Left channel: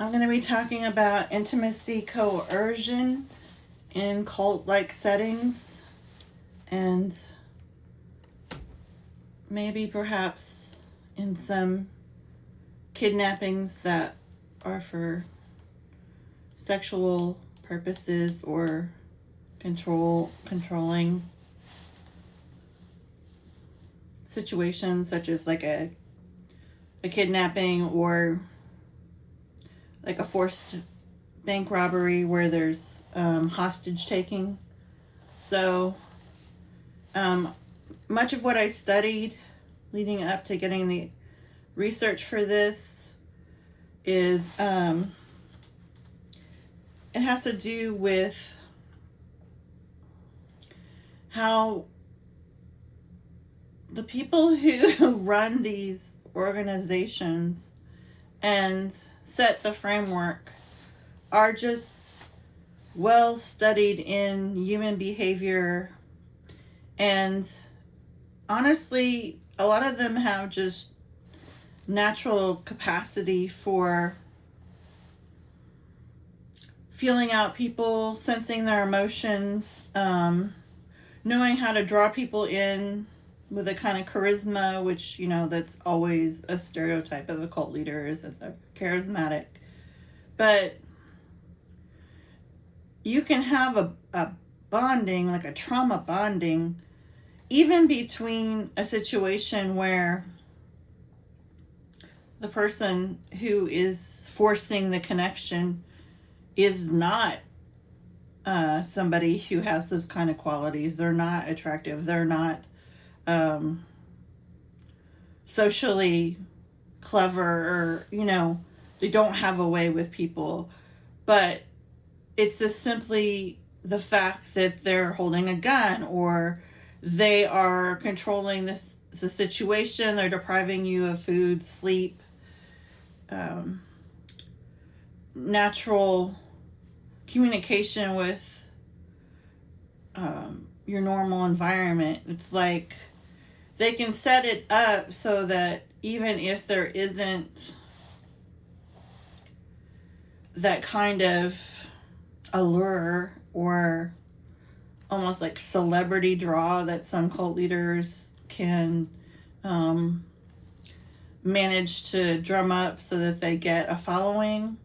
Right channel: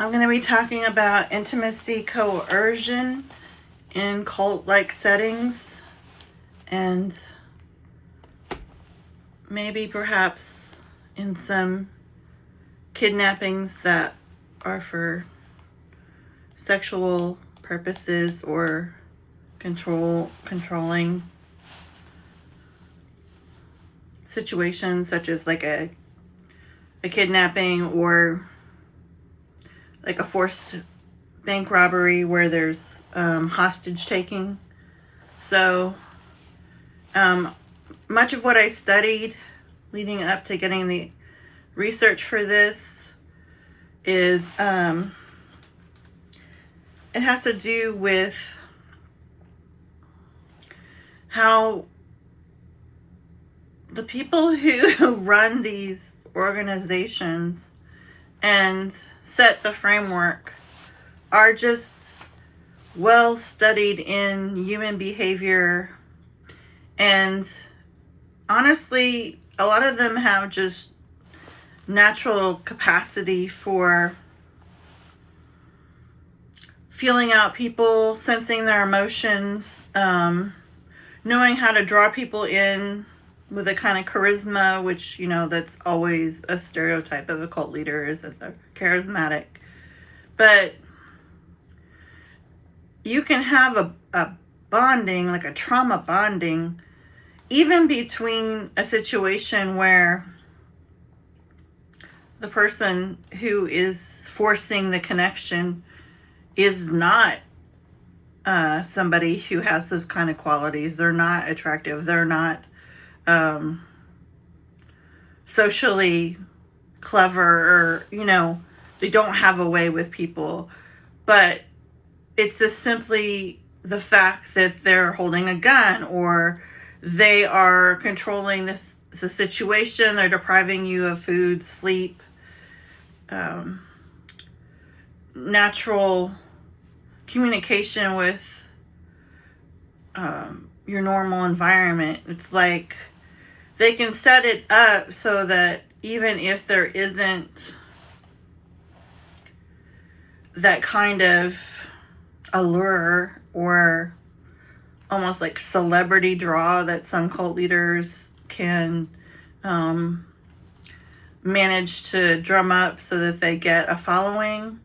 I'm going to be talking about intimacy coercion in cult-like settings, and maybe perhaps in some kidnappings that are for sexual purposes or controlling situations, such as like a kidnapping or like a forced bank robbery where there's hostage taking. So much of what I studied leading up to getting the research for this is it has to do with how the people who run these organizations and set the framework are just well studied in human behavior, and honestly a lot of them have just natural capacity for feeling out people, sensing their emotions, knowing how to draw people in with a kind of charisma, which, you know, that's always a stereotype of a cult leader, is that they're charismatic. But you can have a bonding, like a trauma bonding, even between a situation where the person who is forcing the connection is not somebody who has those kind of qualities. They're not attractive. They're not socially clever, or, you know, they don't have a way with people. But it's just simply the fact that they're holding a gun, or they are controlling the situation. They're depriving you of food, sleep, natural communication with your normal environment. It's like they can set it up so that even if there isn't that kind of allure or almost like celebrity draw that some cult leaders can manage to drum up so that they get a following.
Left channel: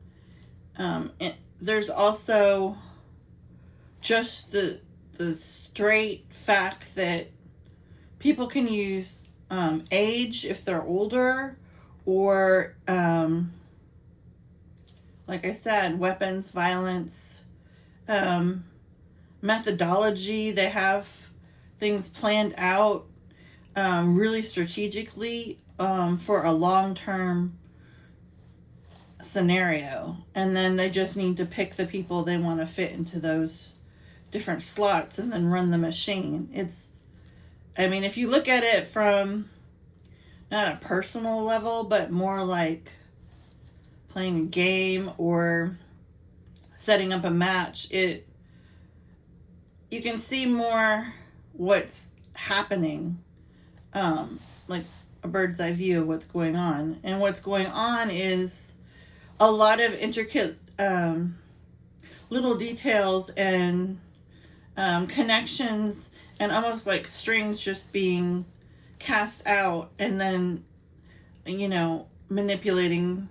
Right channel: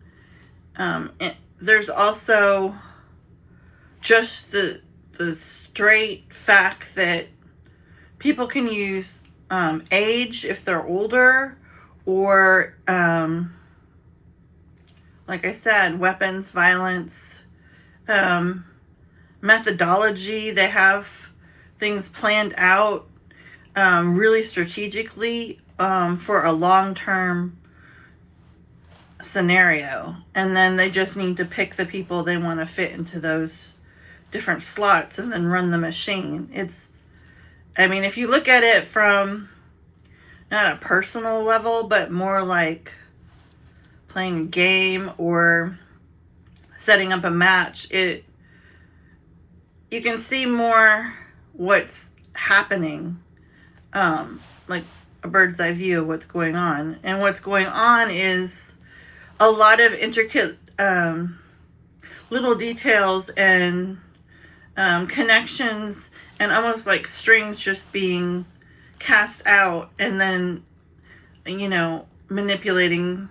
There's also just the straight fact that people can use age if they're older, or like I said, weapons, violence, methodology. They have things planned out really strategically for a long-term scenario, and then they just need to pick the people they want to fit into those different slots and then run the machine. I mean, if you look at it from not a personal level, but more like playing a game or setting up a match, you can see more what's happening, like a bird's eye view of what's going on. And what's going on is a lot of intricate little details and connections, and almost like strings just being cast out, and then, you know, manipulating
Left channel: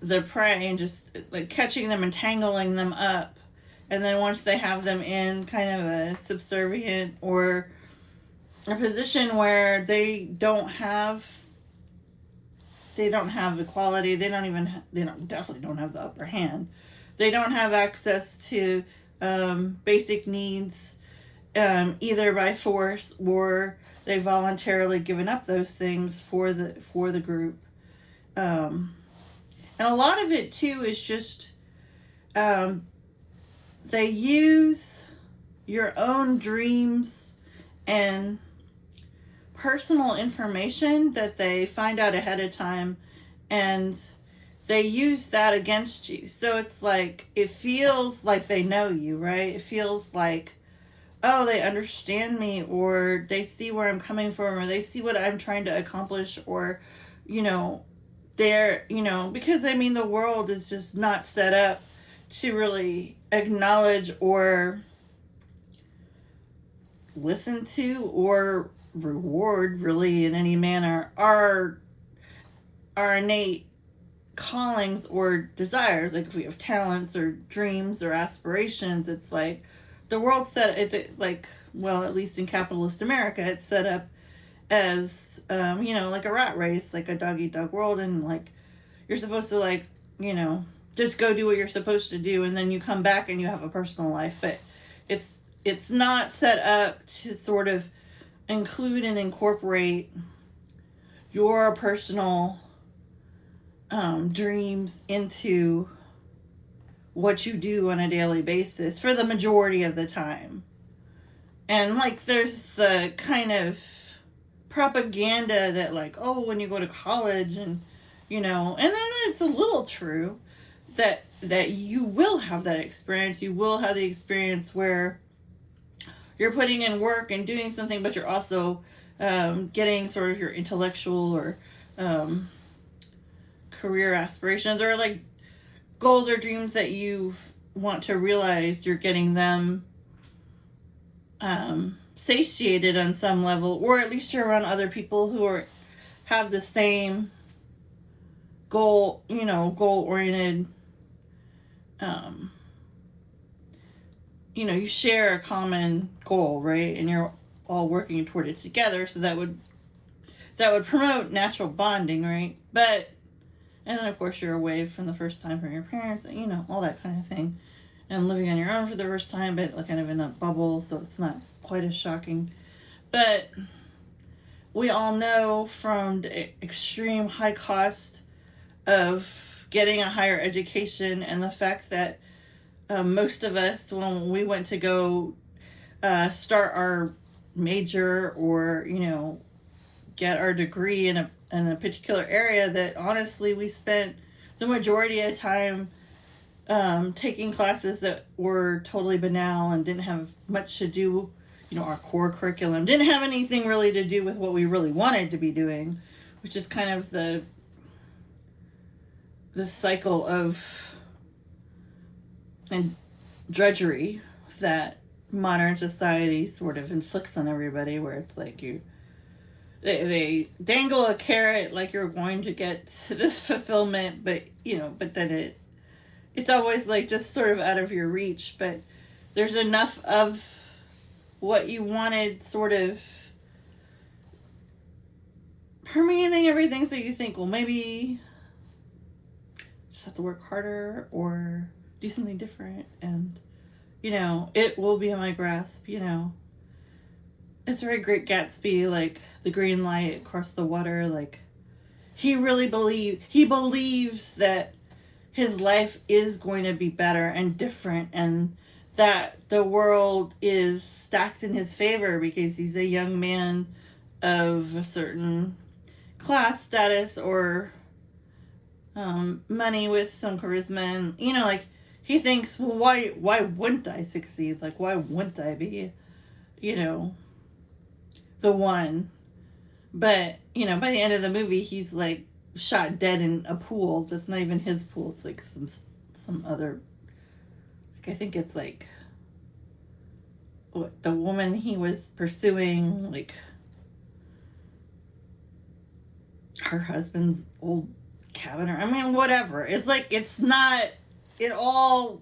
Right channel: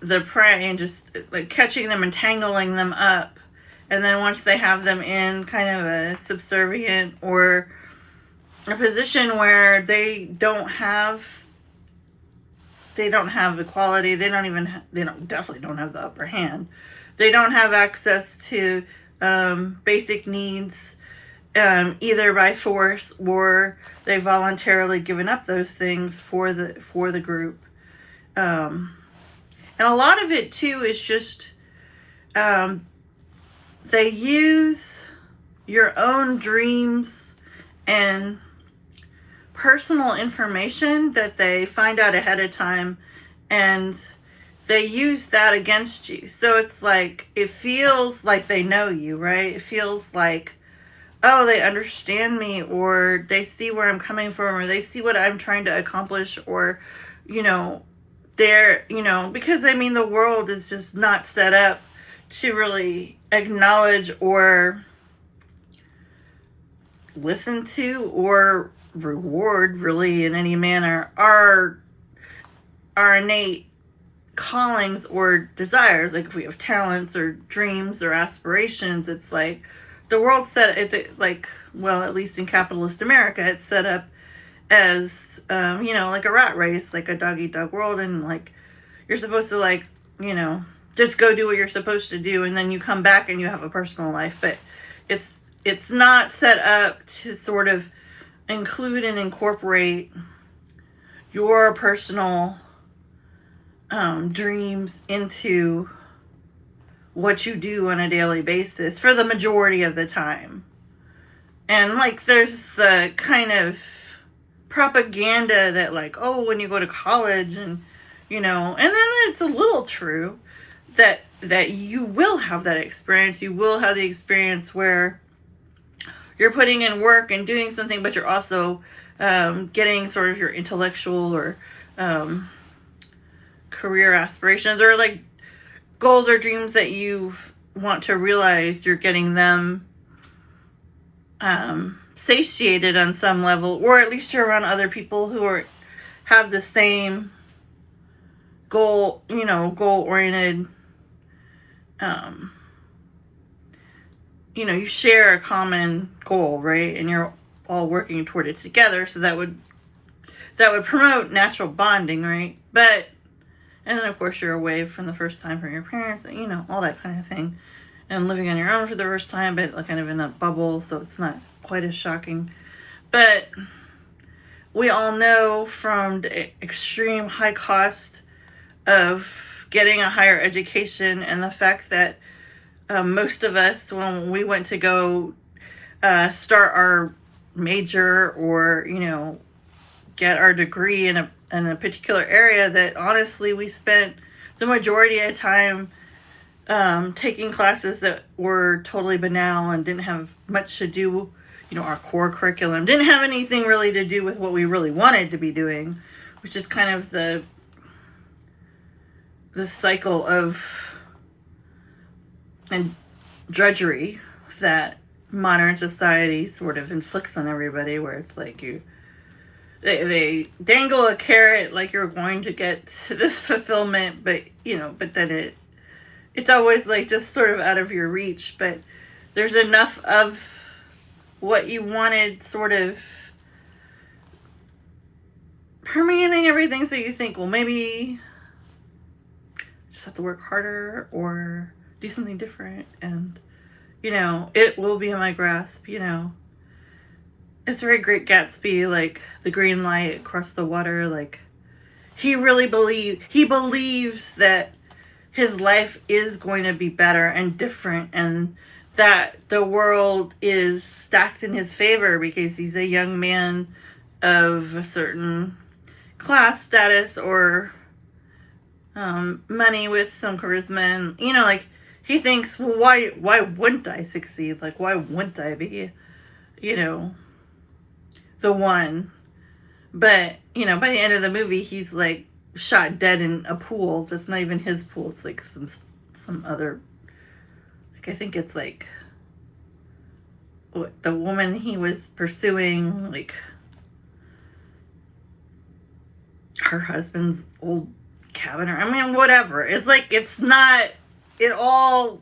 the prey and just like catching them and tangling them up. And then once they have them in kind of a subservient or a position where they don't have equality, they definitely don't have the upper hand. They don't have access to basic needs, either by force or they voluntarily given up those things for the group. And a lot of it too is just they use your own dreams and personal information that they find out ahead of time, and they use that against you. So it's like, it feels like they know you, right? It feels like, oh, they understand me, or they see where I'm coming from, or they see what I'm trying to accomplish, or, you know, they're, because I mean, the world is just not set up to really acknowledge or listen to or reward, really, in any manner, our innate callings or desires. Like if we have talents or dreams or aspirations, it's like the world's set, it's like, well, at least in capitalist America, it's set up as like a rat race, like a dog eat dog world, and like you're supposed to, like, just go do what you're supposed to do, and then you come back and you have a personal life. But it's not set up to sort of include and incorporate your personal dreams into what you do on a daily basis for the majority of the time. And like there's the kind of propaganda that, like, oh, when you go to college and and then it's a little true that you will have that experience. You will have the experience where you're putting in work and doing something, but you're also getting sort of your intellectual or career aspirations, or like goals or dreams that you want to realize. You're getting them satiated on some level, or at least you're around other people who have the same goal oriented. You share a common goal, right? And you're all working toward it together. So that would promote natural bonding, right? But, and then of course you're away from the first time from your parents, all that kind of thing. And living on your own for the first time, but like kind of in a bubble, so it's not quite as shocking. But we all know from the extreme high cost of getting a higher education, and the fact that most of us, when we went to go start our major or get our degree in a particular area, that honestly we spent the majority of the time taking classes that were totally banal and didn't have much to do, our core curriculum didn't have anything really to do with what we really wanted to be doing, which is kind of the cycle of and drudgery that modern society sort of inflicts on everybody, where it's like they dangle a carrot like you're going to get this fulfillment, but but then it's always like just sort of out of your reach. But there's enough of what you wanted sort of permeating everything, so you think, well, maybe just have to work harder or do something different, and it will be in my grasp. It's very Great Gatsby, like the green light across the water. Like he believes that his life is going to be better and different, and that the world is stacked in his favor because he's a young man of a certain class status or money with some charisma, and like he thinks, well, why wouldn't I succeed? Like, why wouldn't I be the one? But by the end of the movie, he's like shot dead in a pool that's not even his pool. It's like some other, like, I think it's like what the woman he was pursuing, like her husband's old cabin, or I mean whatever. It's like it all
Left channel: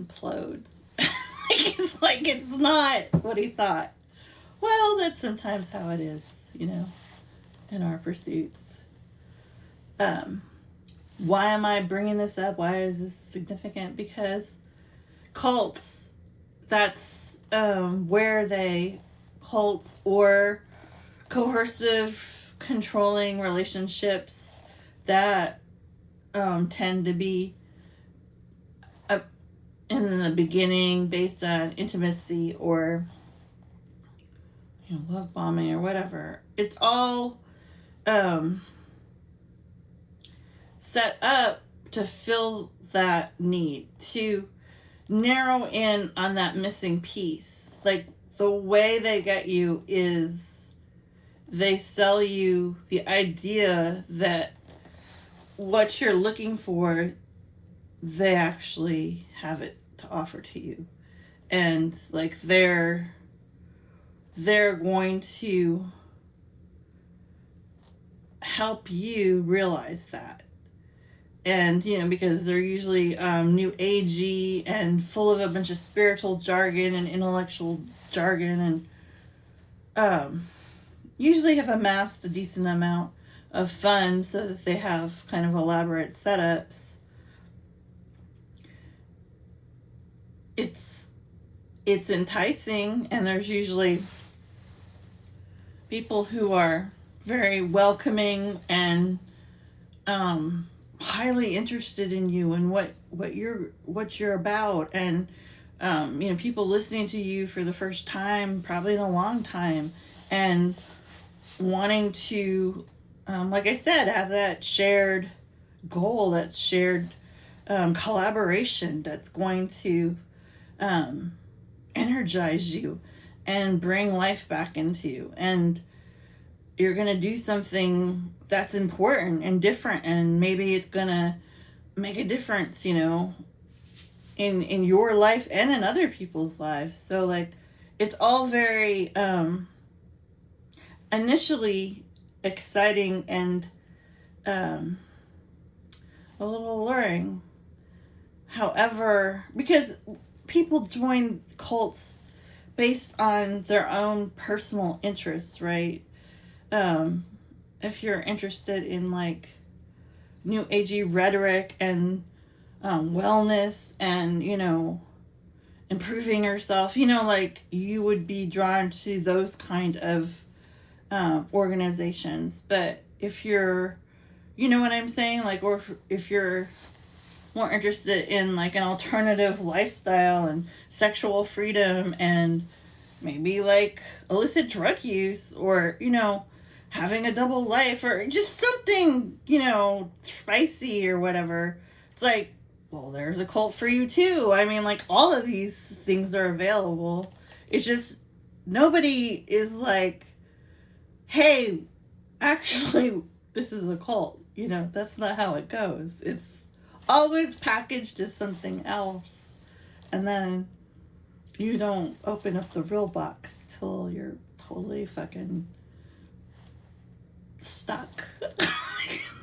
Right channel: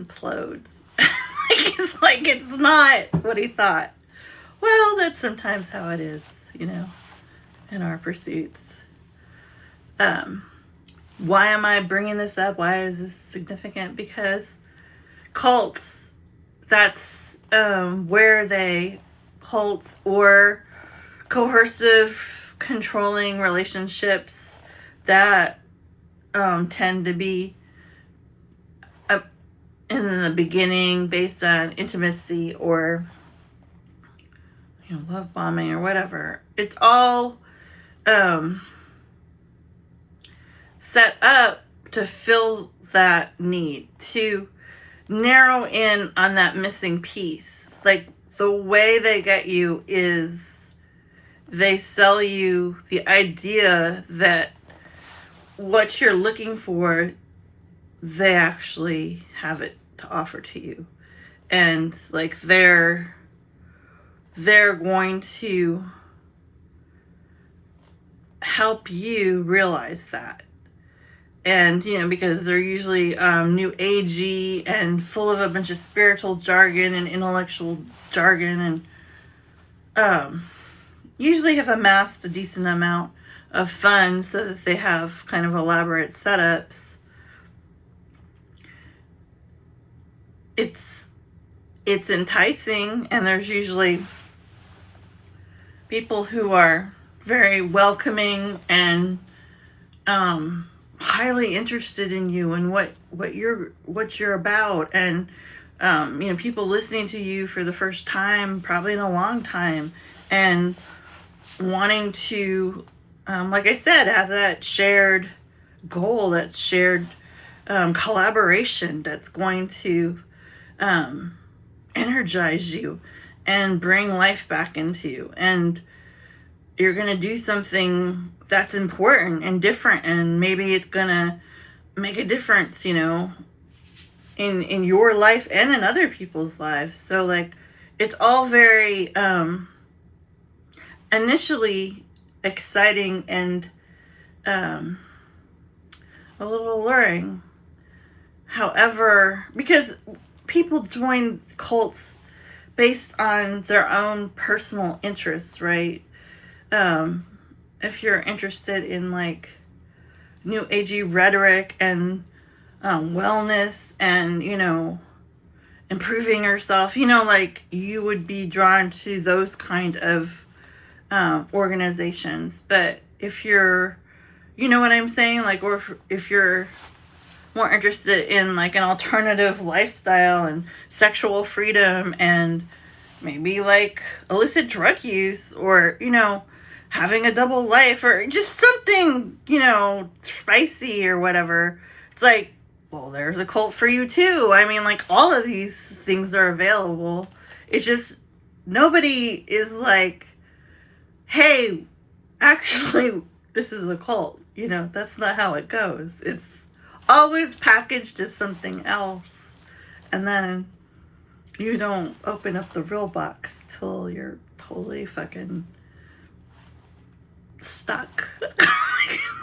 implodes. it's not what he thought. Well, that's sometimes how it is, in our pursuits. Why am I bringing this up? Why is this significant? Because cults, that's cults or coercive, controlling relationships that tend to be in the beginning based on intimacy or love bombing or whatever. It's all set up to fill that need, to narrow in on that missing piece. Like the way they get you is they sell you the idea that what you're looking for, they actually have it to offer to you. And like they're going to help you realize that. And, you know, because they're usually new agey and full of a bunch of spiritual jargon and intellectual jargon, and usually have amassed a decent amount of funds so that they have kind of elaborate setups. It's enticing, and there's usually people who are very welcoming and highly interested in you and what you're about, and you know, people listening to you for the first time, probably in a long time, and wanting to, like I said, have that shared goal, that shared collaboration that's going to energize you and bring life back into you. And you're going to do something that's important and different, and maybe it's going to make a difference, you know, in your life and in other people's lives. So like, it's all very initially exciting and a little alluring. However, because people join cults based on their own personal interests, right? If you're interested in like new agey rhetoric and wellness and, you know, improving yourself, you know, like you would be drawn to those kind of organizations. But if you're, you know what I'm saying? Like, or if you're more interested in like an alternative lifestyle and sexual freedom and maybe like illicit drug use, or, you know, having a double life, or just something, you know, spicy or whatever, it's like, well, there's a cult for you too. I mean, like, all of these things are available. It's just nobody is like, hey, actually, this is a cult. You know, that's not how it goes. It's always packaged as something else. And then you don't open up the real box till you're totally fucking stuck.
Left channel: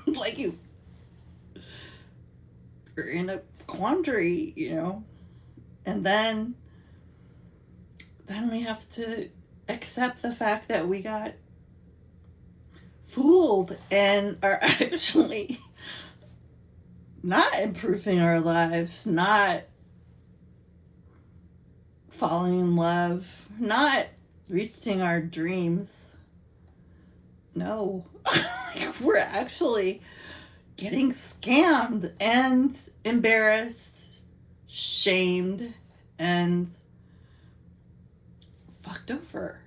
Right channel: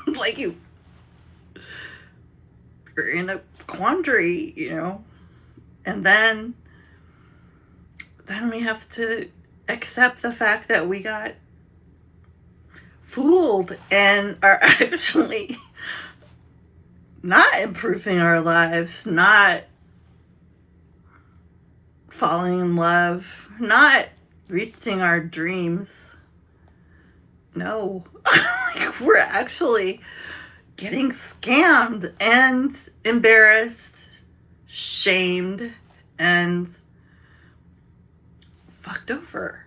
Like you're in a quandary, you know. And then we have to accept the fact that we got fooled and are actually not improving our lives, not falling in love, not reaching our dreams. No, we're actually getting scammed and embarrassed, shamed, and fucked over.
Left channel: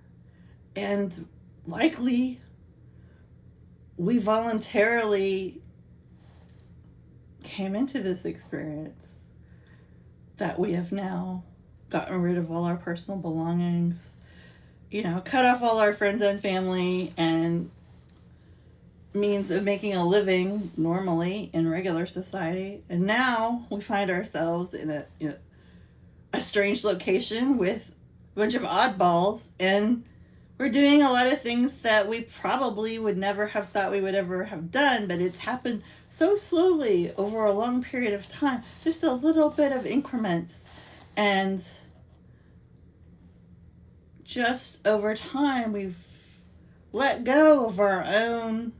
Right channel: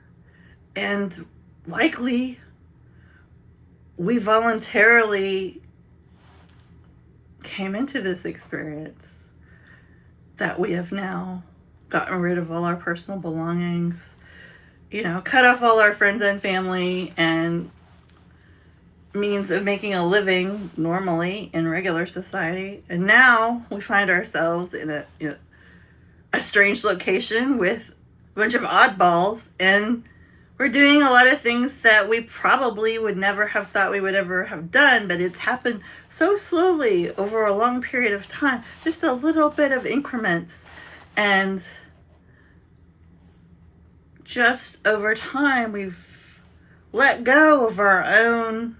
And likely we voluntarily came into this experience that we have now gotten rid of all our personal belongings, you know, cut off all our friends and family and means of making a living normally in regular society. And now we find ourselves in a strange location with a bunch of oddballs, and we're doing a lot of things that we probably would never have thought we would ever have done, but it's happened so slowly over a long period of time, just a little bit of increments. And just over time, we've let go of our own,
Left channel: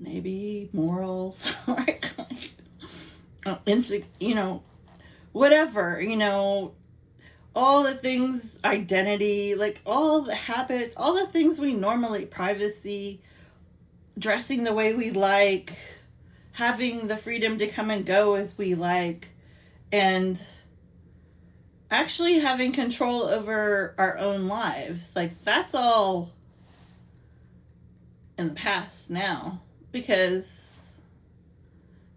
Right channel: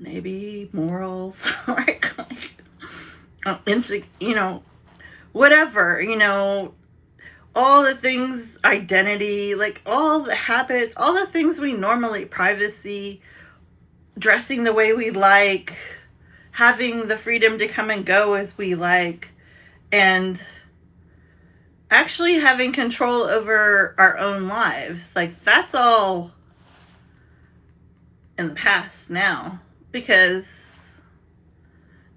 maybe morals, right? You know, whatever, you know, all the things, identity, like all the habits, all the things we normally, privacy, dressing the way we like, having the freedom to come and go as we like, and actually having control over our own lives. Like, that's all in the past now, because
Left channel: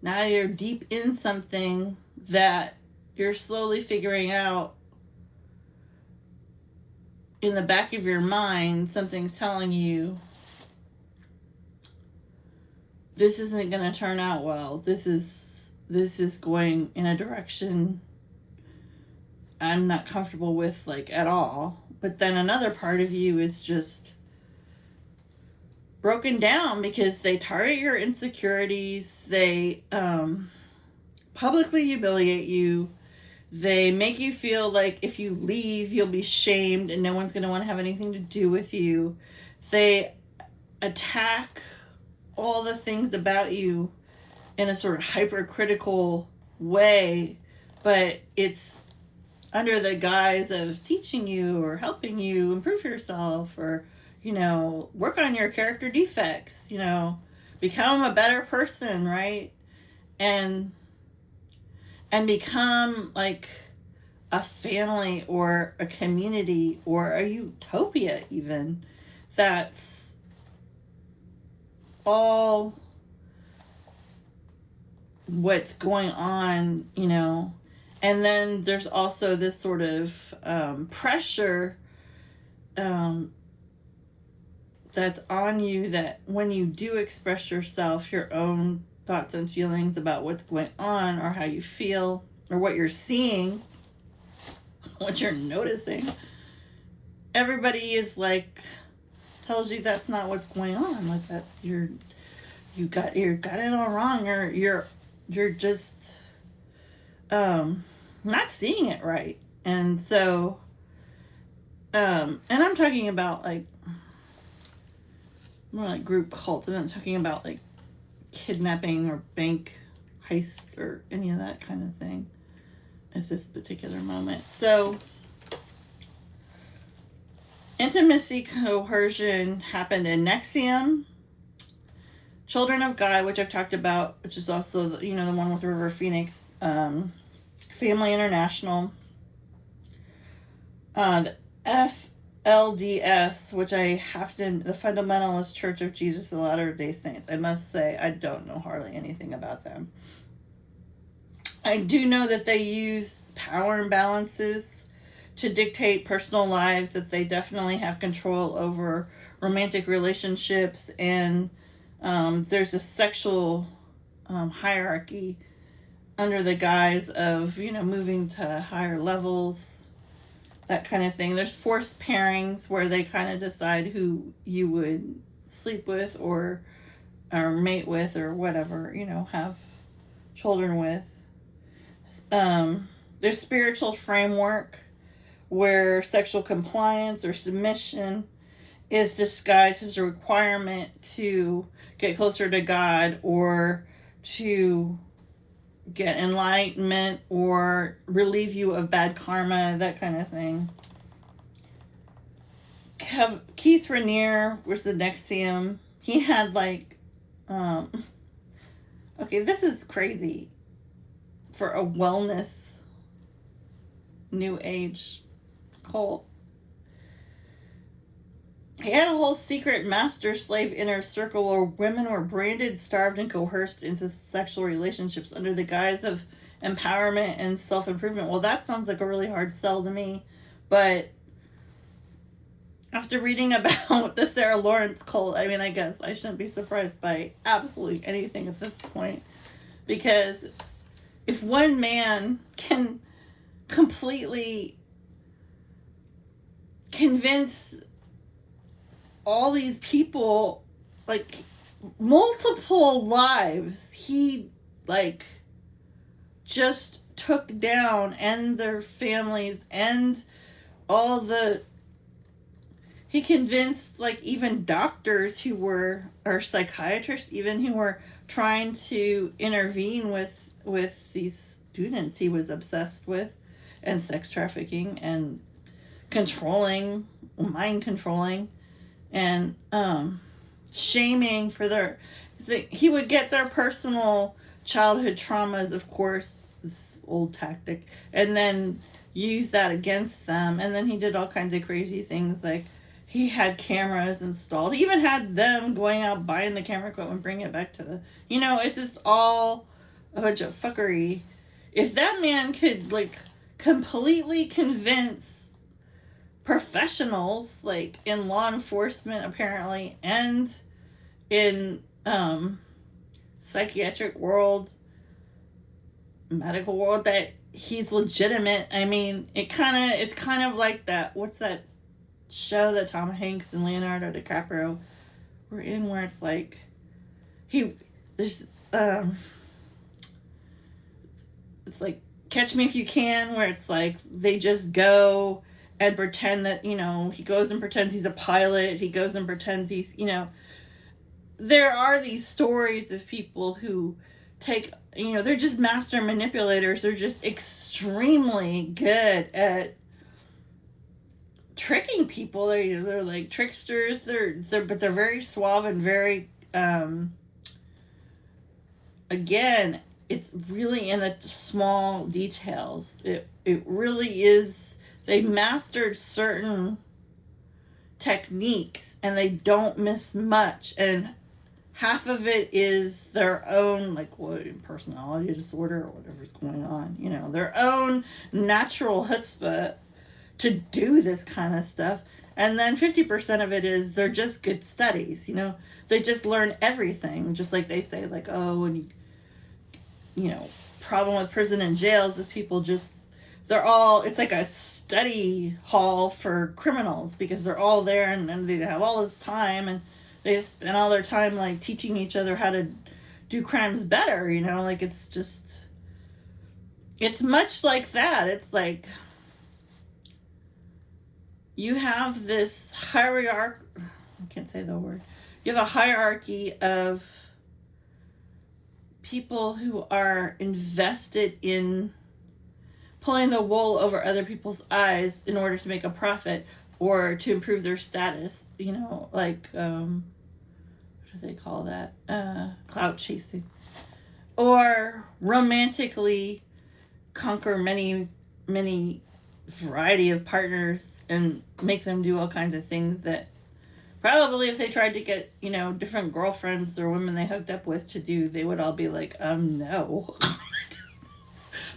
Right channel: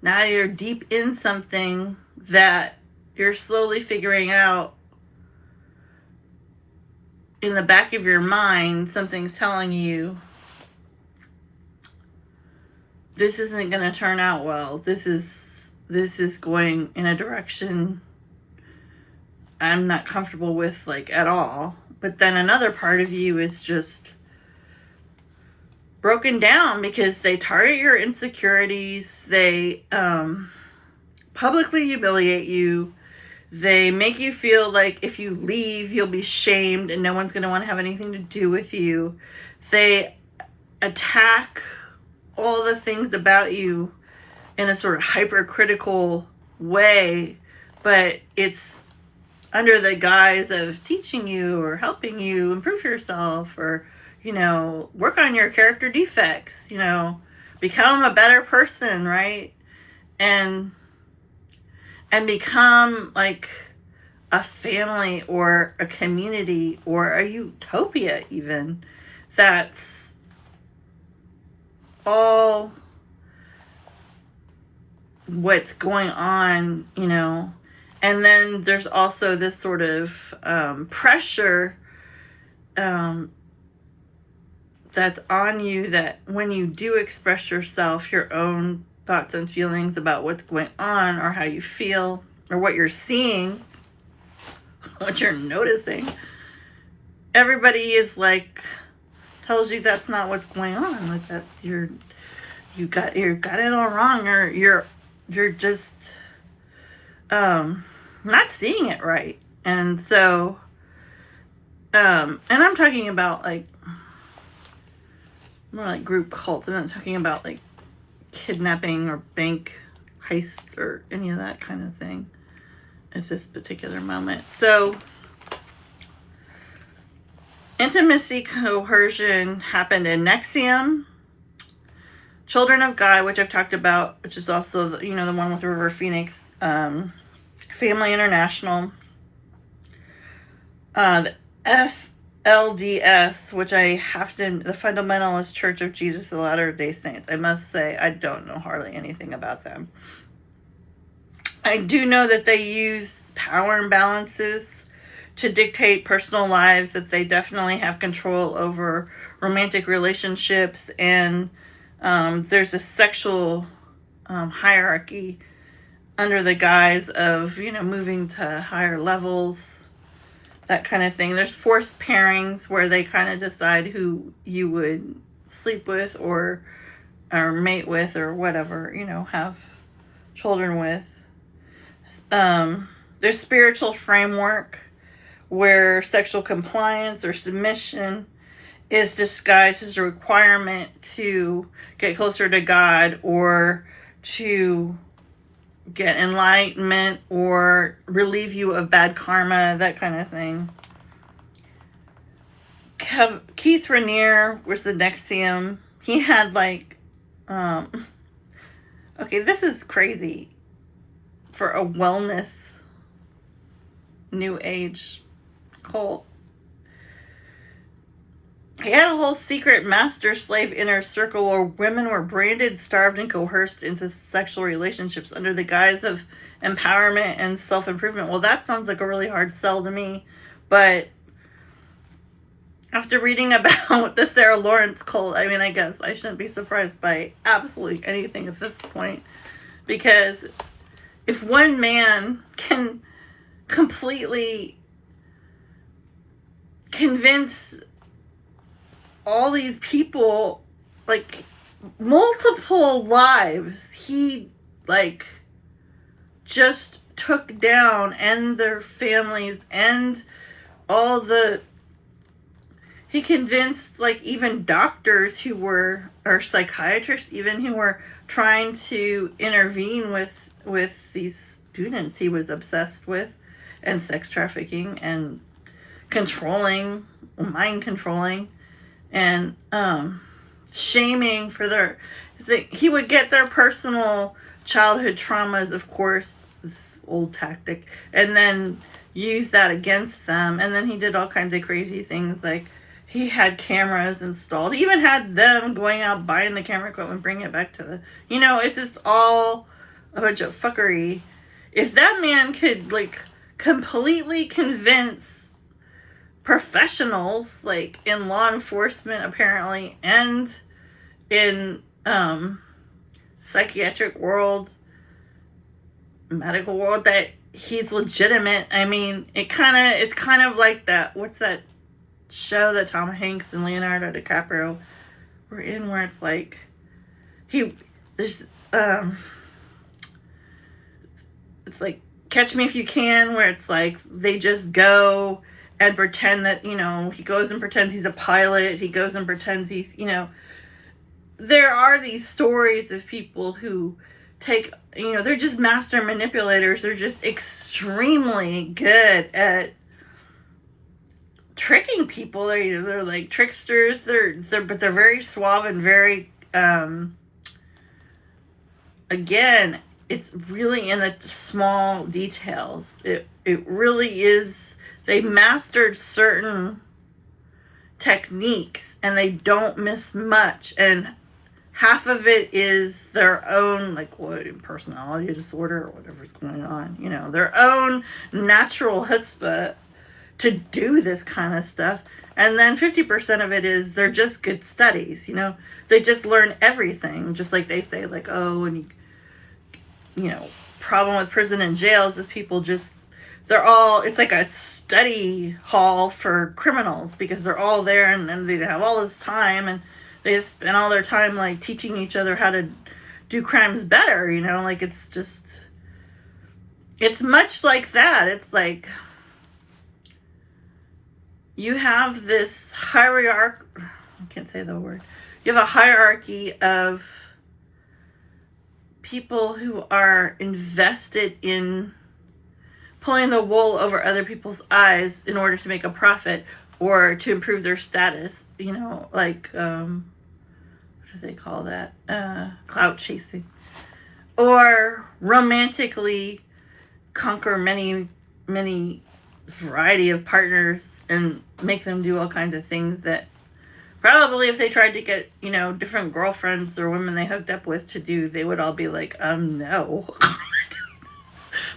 now you're deep in something that you're slowly figuring out in the back of your mind, something's telling you, this isn't going to turn out well. This is going in a direction I'm not comfortable with, like, at all. But then another part of you is just broken down because they target your insecurities. They publicly humiliate you. They make you feel like if you leave, you'll be shamed and no one's going to want to have anything to do with you. They attack all the things about you in a sort of hypercritical way, but it's under the guise of teaching you or helping you improve yourself or, you know, work on your character defects, you know, become a better person, right? And become like a family or a community or a utopia even. That's all what's going on, you know. And then there's also this sort of pressure that's on you, that when you do express yourself, your own thoughts and feelings about what's going on or how you feel or what you're seeing, what you're noticing, everybody is like, tells you that's not what's going on. Like, that's you got it all wrong, or you're just not seeing it right. And so and I'm talking about like more like group cults. I'm not talking about like kidnapping or bank heists or any of that kind of thing at this particular moment. So intimacy coercion happened in Nexium, Children of God, which I've talked about, which is also the, you know, the one with River Phoenix, Family International, the FLDS, which I have to, the Fundamentalist Church of Jesus of Latter-day Saints. I must say, I don't know hardly anything about them. I do know that they use power imbalances to dictate personal lives, that they definitely have control over romantic relationships, and there's a sexual hierarchy under the guise of, you know, moving to higher levels, that kind of thing. There's forced pairings where they kind of decide who you would sleep with or mate with or whatever, you know, have children with. There's spiritual framework where sexual compliance or submission is disguised as a requirement to get closer to God or to get enlightenment or relieve you of bad karma, that kind of thing. Keith Raniere was the Nexium. He had like, okay, this is crazy for a wellness new age cult. He had a whole secret master-slave inner circle where women were branded, starved, and coerced into sexual relationships under the guise of empowerment and self-improvement. Well, that sounds like a really hard sell to me, but after reading about the Sarah Lawrence cult, I mean, I guess I shouldn't be surprised by absolutely anything at this point, because if one man can completely convince all these people, like multiple lives, he like just took down, and their families, and all the, he convinced like even doctors who were, or psychiatrists even, who were trying to intervene with these students he was obsessed with, and sex trafficking and controlling, mind controlling, and shaming for their, he would get their personal childhood traumas, of course, this old tactic, and then use that against them. And then he did all kinds of crazy things, like he had cameras installed. He even had them going out buying the camera equipment, bringing it back to the, you know, it's just all a bunch of fuckery. If that man could like completely convince professionals, like in law enforcement apparently, and in psychiatric world, medical world, that he's legitimate. I mean, it's kind of like that, what's that show that Tom Hanks and Leonardo DiCaprio were in, where it's like there's it's like Catch Me If You Can, where it's like they just go and pretend that, he goes and pretends he's a pilot, he goes and pretends he's, there are these stories of people who take, they're just master manipulators. They're just extremely good at tricking people. They're like tricksters. But they're very suave and very, again, it's really in the small details. It really is. They mastered certain techniques and they don't miss much. And half of it is their own, like, personality disorder or whatever's going on. Their own natural chutzpah to do this kind of stuff. And then 50% of it is they're just good studies. They just learn everything. Just like they say, like, and problem with prison and jails is people just, it's like a study hall for criminals, because they're all there and they have all this time and they just spend all their time like teaching each other how to do crimes better, like it's much like that. It's like you have this hierarchy, I can't say the word. You have a hierarchy of people who are invested in pulling the wool over other people's eyes in order to make a profit or to improve their status, like, what do they call that? Clout chasing. Or romantically conquer many, many variety of partners and make them do all kinds of things that probably if they tried to get, different girlfriends or women they hooked up with to do, they would all be like, no.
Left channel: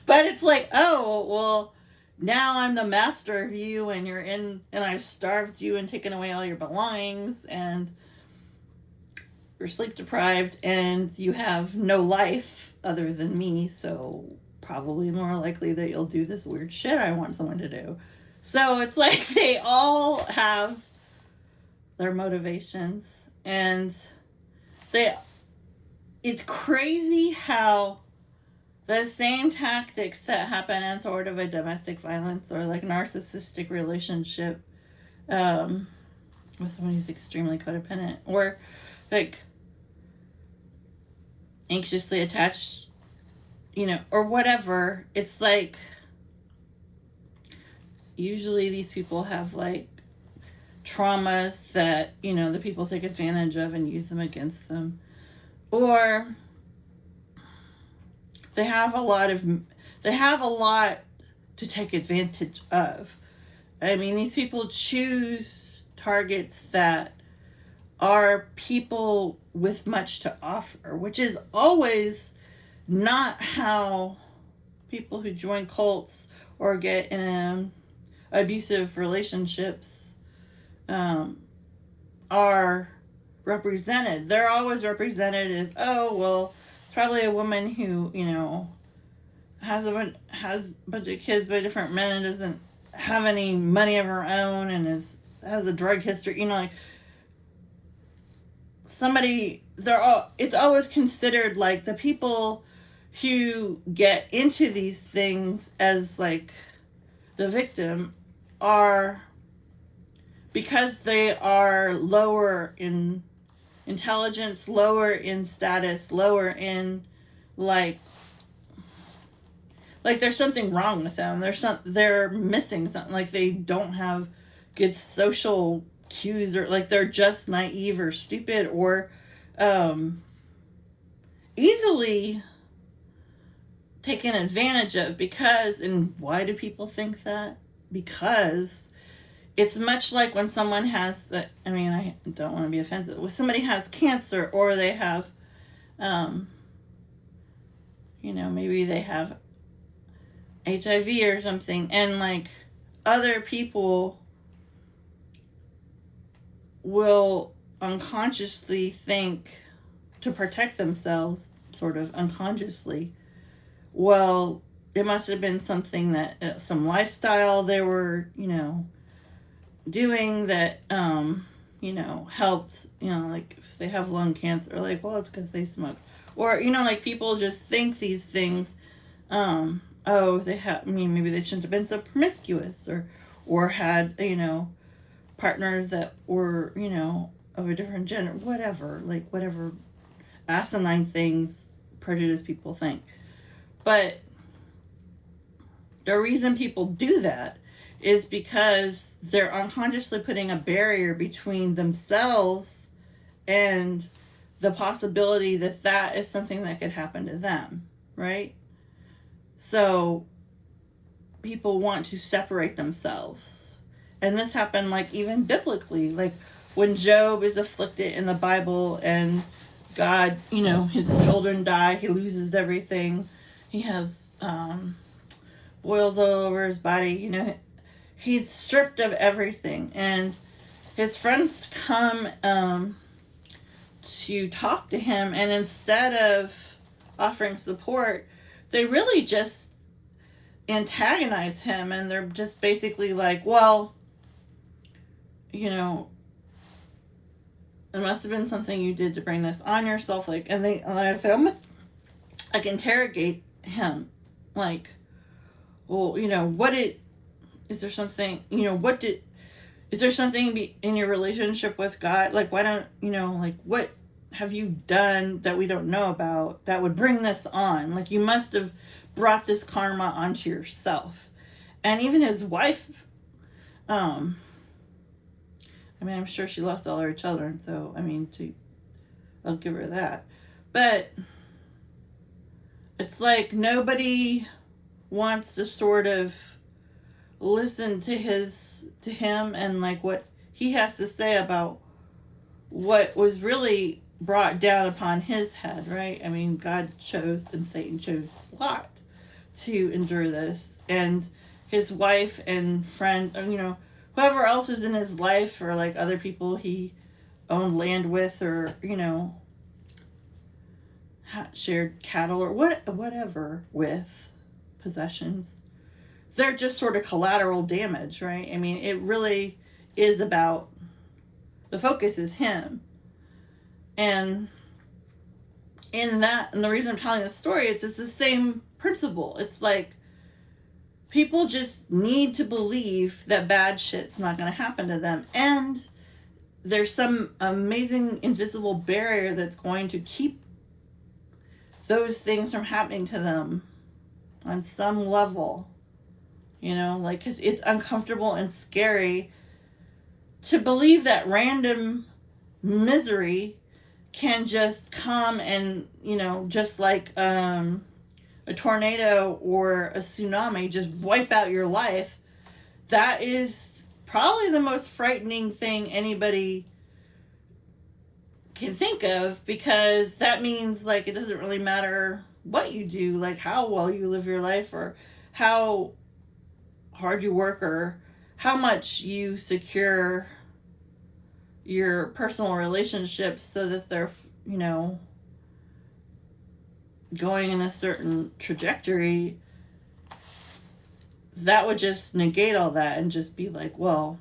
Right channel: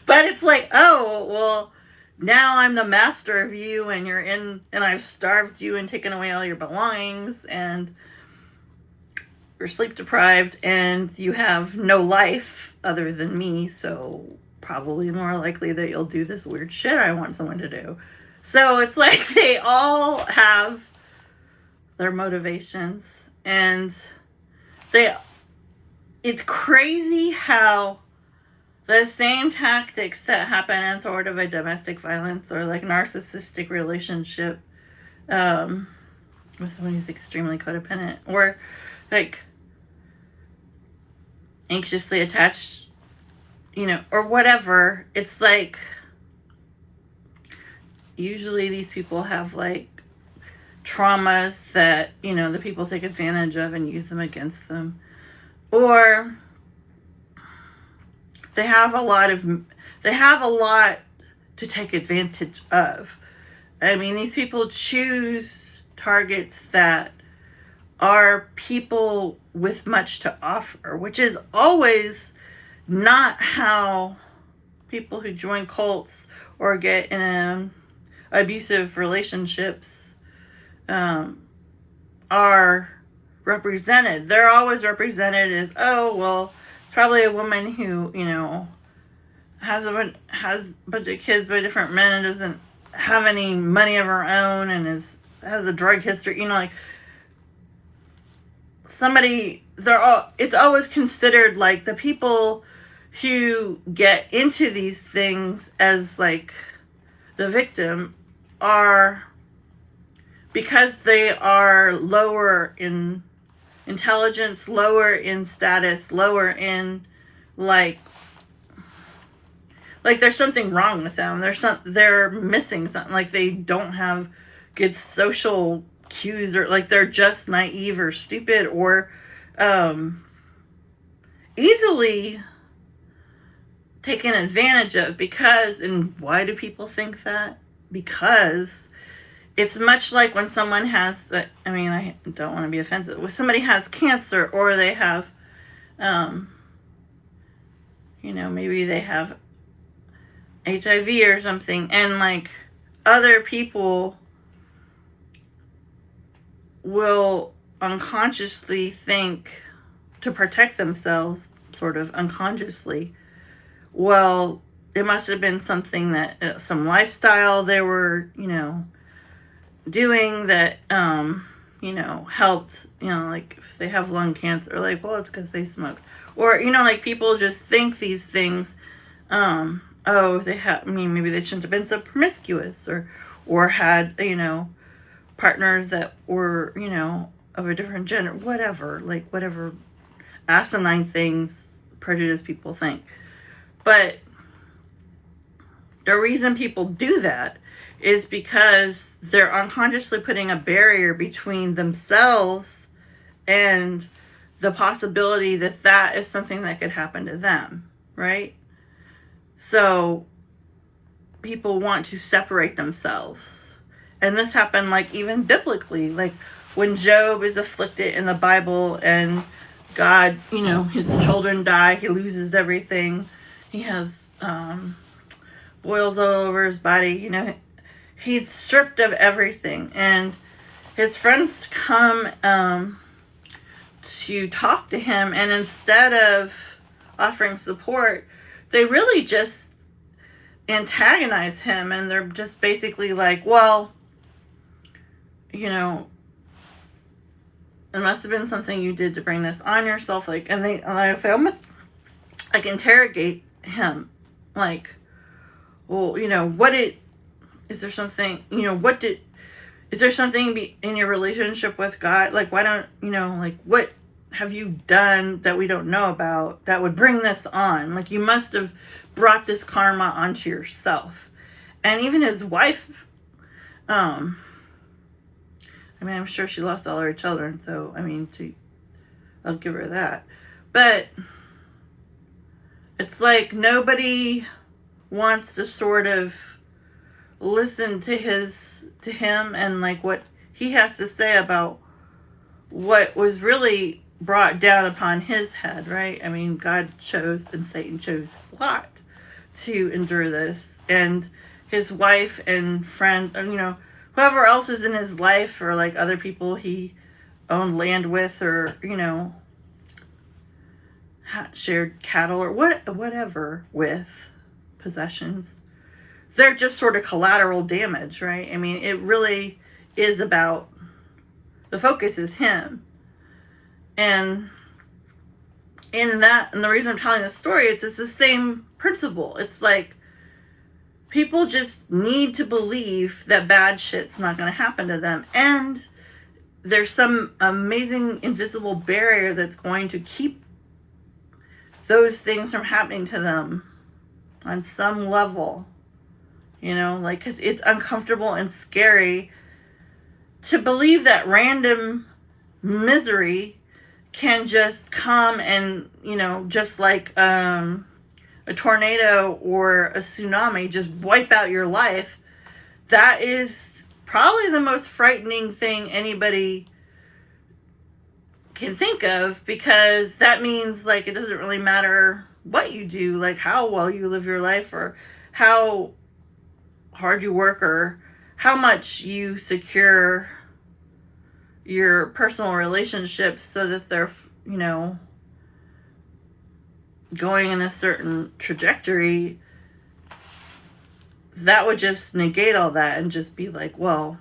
But it's like, oh, well, now I'm the master of you and and I've starved you and taken away all your belongings and you're sleep deprived and you have no life other than me. So probably more likely that you'll do this weird shit I want someone to do. So it's like they all have their motivations, and it's crazy how the same tactics that happen in sort of a domestic violence or like narcissistic relationship with someone who's extremely codependent or like anxiously attached, or whatever. It's like usually these people have like traumas that, the people take advantage of and use them against them. Or they have a lot to take advantage of. I mean, these people choose targets that are people with much to offer, which is always not how people who join cults or get in abusive relationships are represented. They're always represented as, oh, well, it's probably a woman who, has a bunch of kids by different men and doesn't have any money of her own and has a drug history, like it's always considered like the people who get into these things as like the victim are, because they are lower in intelligence, lower in status, lower in like there's something wrong with them. They're missing something. Like they don't have good social cues, or like they're just naive or stupid or easily taken advantage of. And why do people think that? Because it's much like when someone has, I don't want to be offensive, when somebody has cancer or they have, maybe they have HIV or something, and like other people will unconsciously think to protect themselves, sort of unconsciously, well, it must have been something that, some lifestyle they were, doing that, helped, like if they have lung cancer, like, well, it's because they smoked. Or, like people just think these things, maybe they shouldn't have been so promiscuous, or had, partners that were, of a different gender, whatever asinine things prejudiced people think. But the reason people do that is because they're unconsciously putting a barrier between themselves and the possibility that that is something that could happen to them, right? So people want to separate themselves. And this happened, like, even biblically, like when Job is afflicted in the Bible and God, his children die, he loses everything. He has boils all over his body, he's stripped of everything. And his friends come to talk to him, and instead of offering support, they really just antagonize him, and they're just basically like, well, it must have been something you did to bring this on yourself, and they almost like interrogate him, like, well, is there something, is there something in your relationship with God? Like, why don't, what have you done that we don't know about that would bring this on? Like, you must have brought this karma onto yourself. And even his wife, I'm sure she lost all her children, so, I'll give her that. But it's like nobody wants to sort of listen to him and like what he has to say about what was really brought down upon his head, right? God chose and Satan chose Lot to endure this, and his wife and friend, whoever else is in his life, or like other people he owned land with, or shared cattle or whatever with, possessions, they're just sort of collateral damage, right? It really is about, the focus is him. And and the reason I'm telling this story, it's the same principle. It's like, people just need to believe that bad shit's not going to happen to them. And there's some amazing invisible barrier that's going to keep those things from happening to them on some level. Because it's uncomfortable and scary to believe that random misery can just come and, just like a tornado or a tsunami, just wipe out your life. That is probably the most frightening thing anybody can think of, because that means, like, it doesn't really matter what you do, like how well you live your life, or how hard you work, or how much you secure your personal relationships so that they're, going in a certain trajectory. That would just negate all that and just be like, well,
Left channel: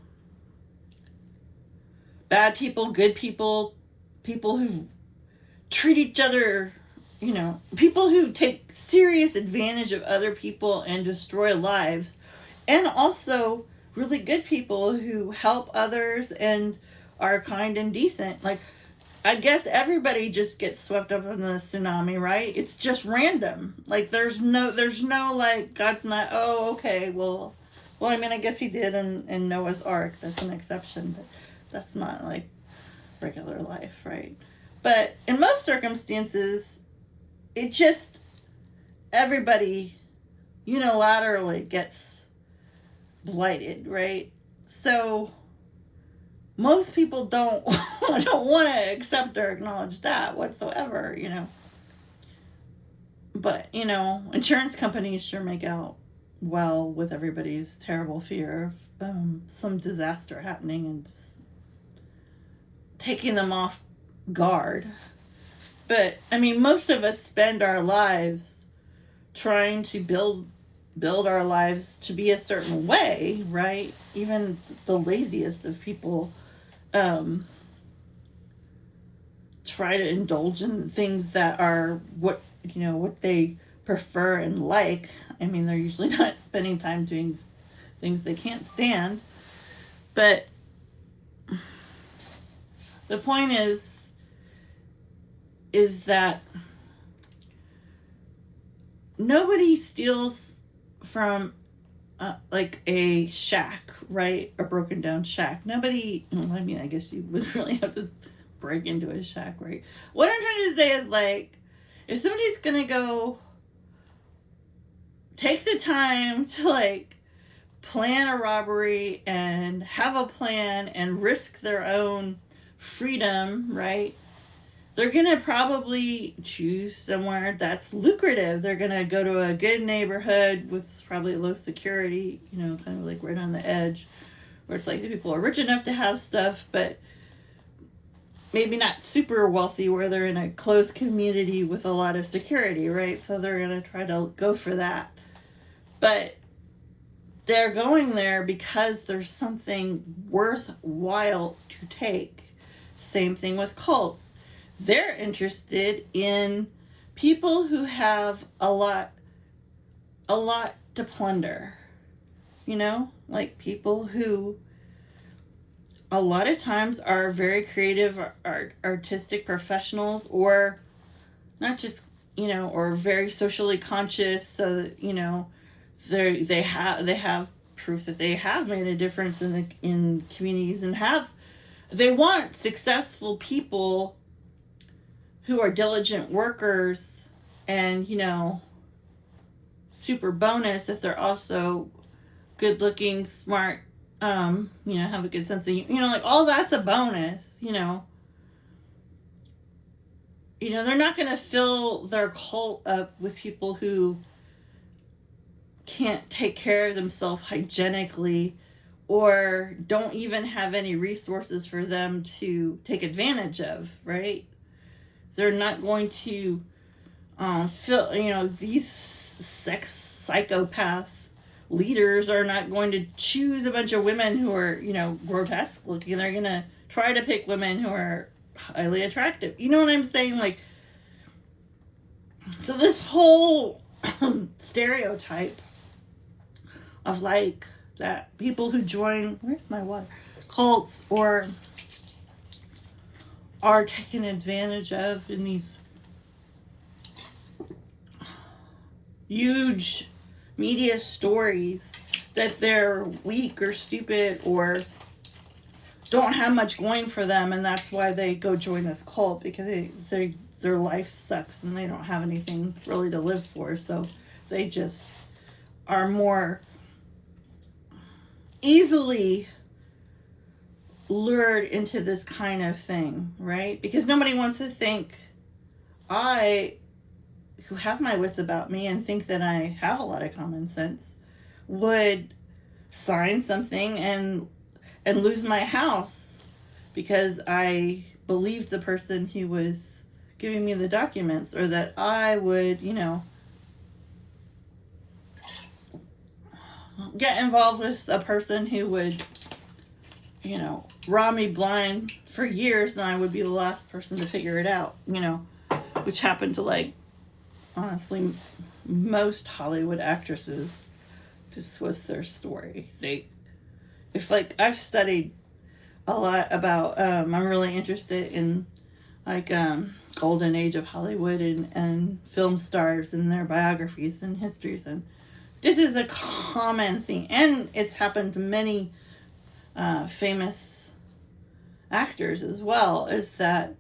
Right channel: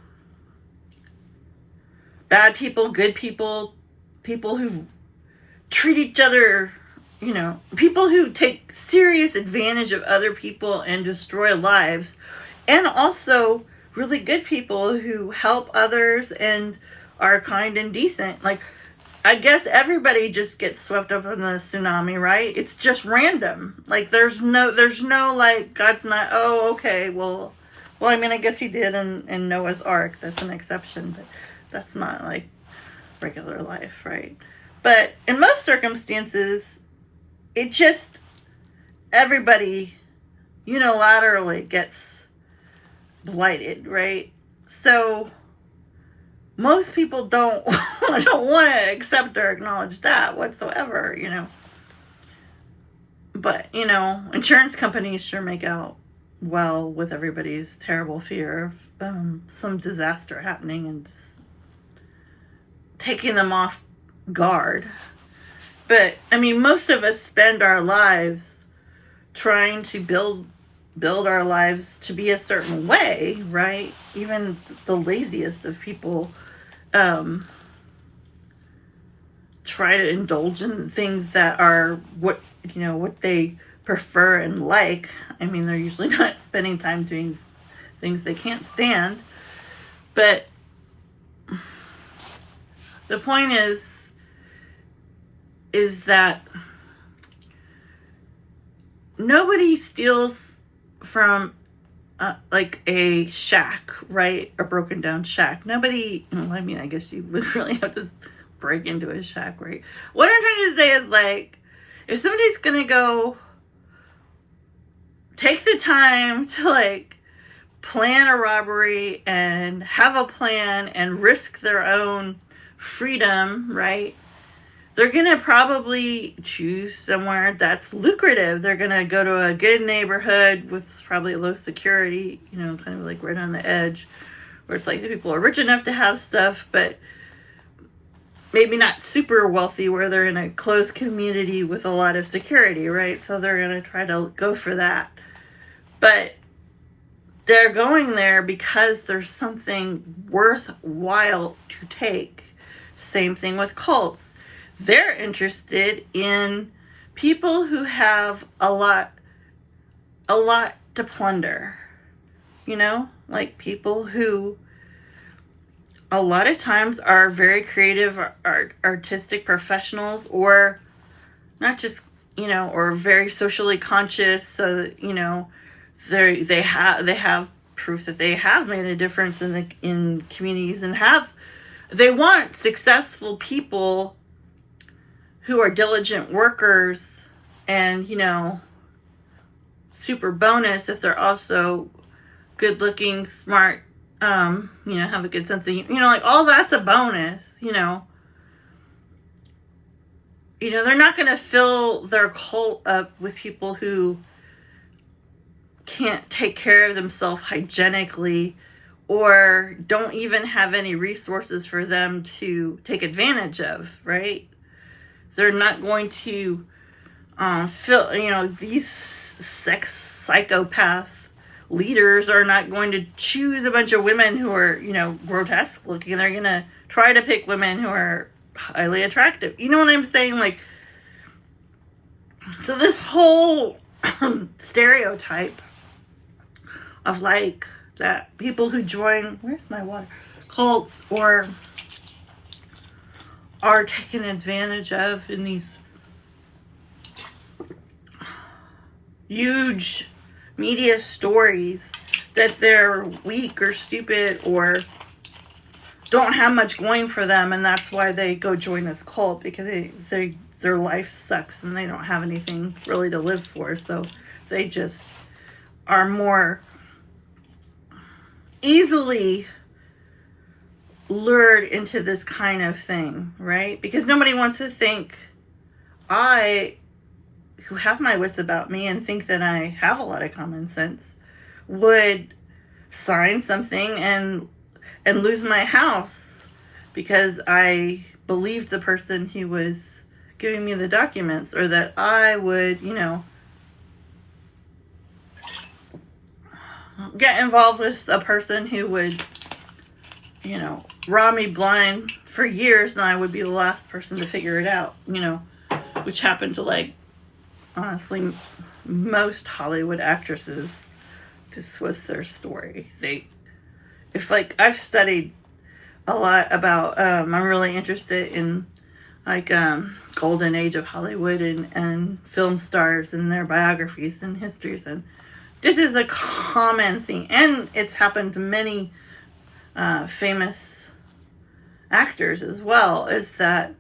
bad people, good people, people who treat each other, people who take serious advantage of other people and destroy lives, and also really good people who help others and are kind and decent. Like, I guess everybody just gets swept up in the tsunami, right? It's just random. Like, there's no like, God's not, oh, okay, well, I guess he did in Noah's Ark. That's an exception, but that's not like regular life, right? But in most circumstances, it just, everybody unilaterally gets blighted, right? So most people don't want to accept or acknowledge that whatsoever, But, insurance companies sure make out well with everybody's terrible fear of some disaster happening, and taking them off guard. But I mean, most of us spend our lives trying to build our lives to be a certain way, right? Even the laziest of people try to indulge in things that are what they prefer and like. I mean, they're usually not spending time doing things they can't stand. But the point is that nobody steals from like a shack, right? A broken down shack. Nobody, I mean, I guess you would really have to break into a shack, right? What I'm trying to say is, like, if somebody's gonna go take the time to, like, plan a robbery and have a plan and risk their own freedom, right? They're going to probably choose somewhere that's lucrative. They're going to go to a good neighborhood with probably low security, kind of like right on the edge, where it's like the people are rich enough to have stuff, but maybe not super wealthy, where they're in a close community with a lot of security, right? So they're going to try to go for that. But they're going there because there's something worthwhile to take. Same thing with cults. They're interested in people who have a lot to plunder. Like people who a lot of times are very creative, artistic professionals, or not just, or very socially conscious. So that, they have proof that they have made a difference in communities, and they want successful people who are diligent workers, and super bonus if they're also good looking, smart, have a good sense of, like, all that's a bonus. They're not going to fill their cult up with people who can't take care of themselves hygienically, or don't even have any resources for them to take advantage of, right? They're not going to fill, these sex psychopath leaders are not going to choose a bunch of women who are, grotesque looking. They're going to try to pick women who are highly attractive. You know what I'm saying? Like, so this whole stereotype of, like, that people who join, where's my water, cults, or are taken advantage of in these huge media stories, that they're weak or stupid or don't have much going for them, and that's why they go join this cult, because their life sucks and they don't have anything really to live for, so they just are more easily lured into this kind of thing, right? Because nobody wants to think, who have my wits about me and think that I have a lot of common sense, would sign something and lose my house because I believed the person who was giving me the documents, or that I would, get involved with a person who would, rob me blind for years, and I would be the last person to figure it out, which happened to, like, honestly, most Hollywood actresses. This was their story. I've studied a lot about, I'm really interested in, like, golden age of Hollywood and film stars and their biographies and histories, and this is a common thing, and it's happened to many famous actors as well, is that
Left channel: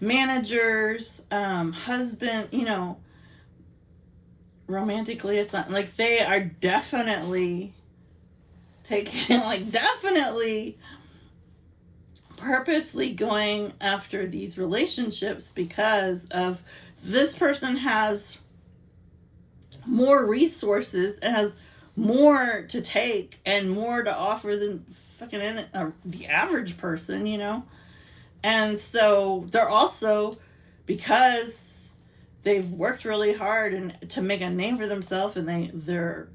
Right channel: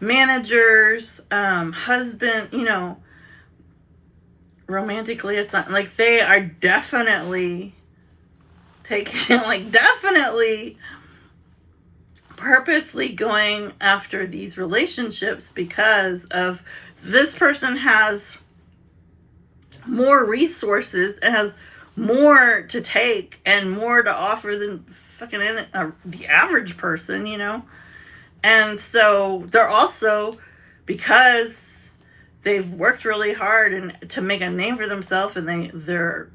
managers, husband, romantically, it's not like they are definitely taking, like, definitely purposely going after these relationships because of this person has more resources and has more to take and more to offer than fucking the average person, And so they're also, because they've worked really hard and to make a name for themselves, and they're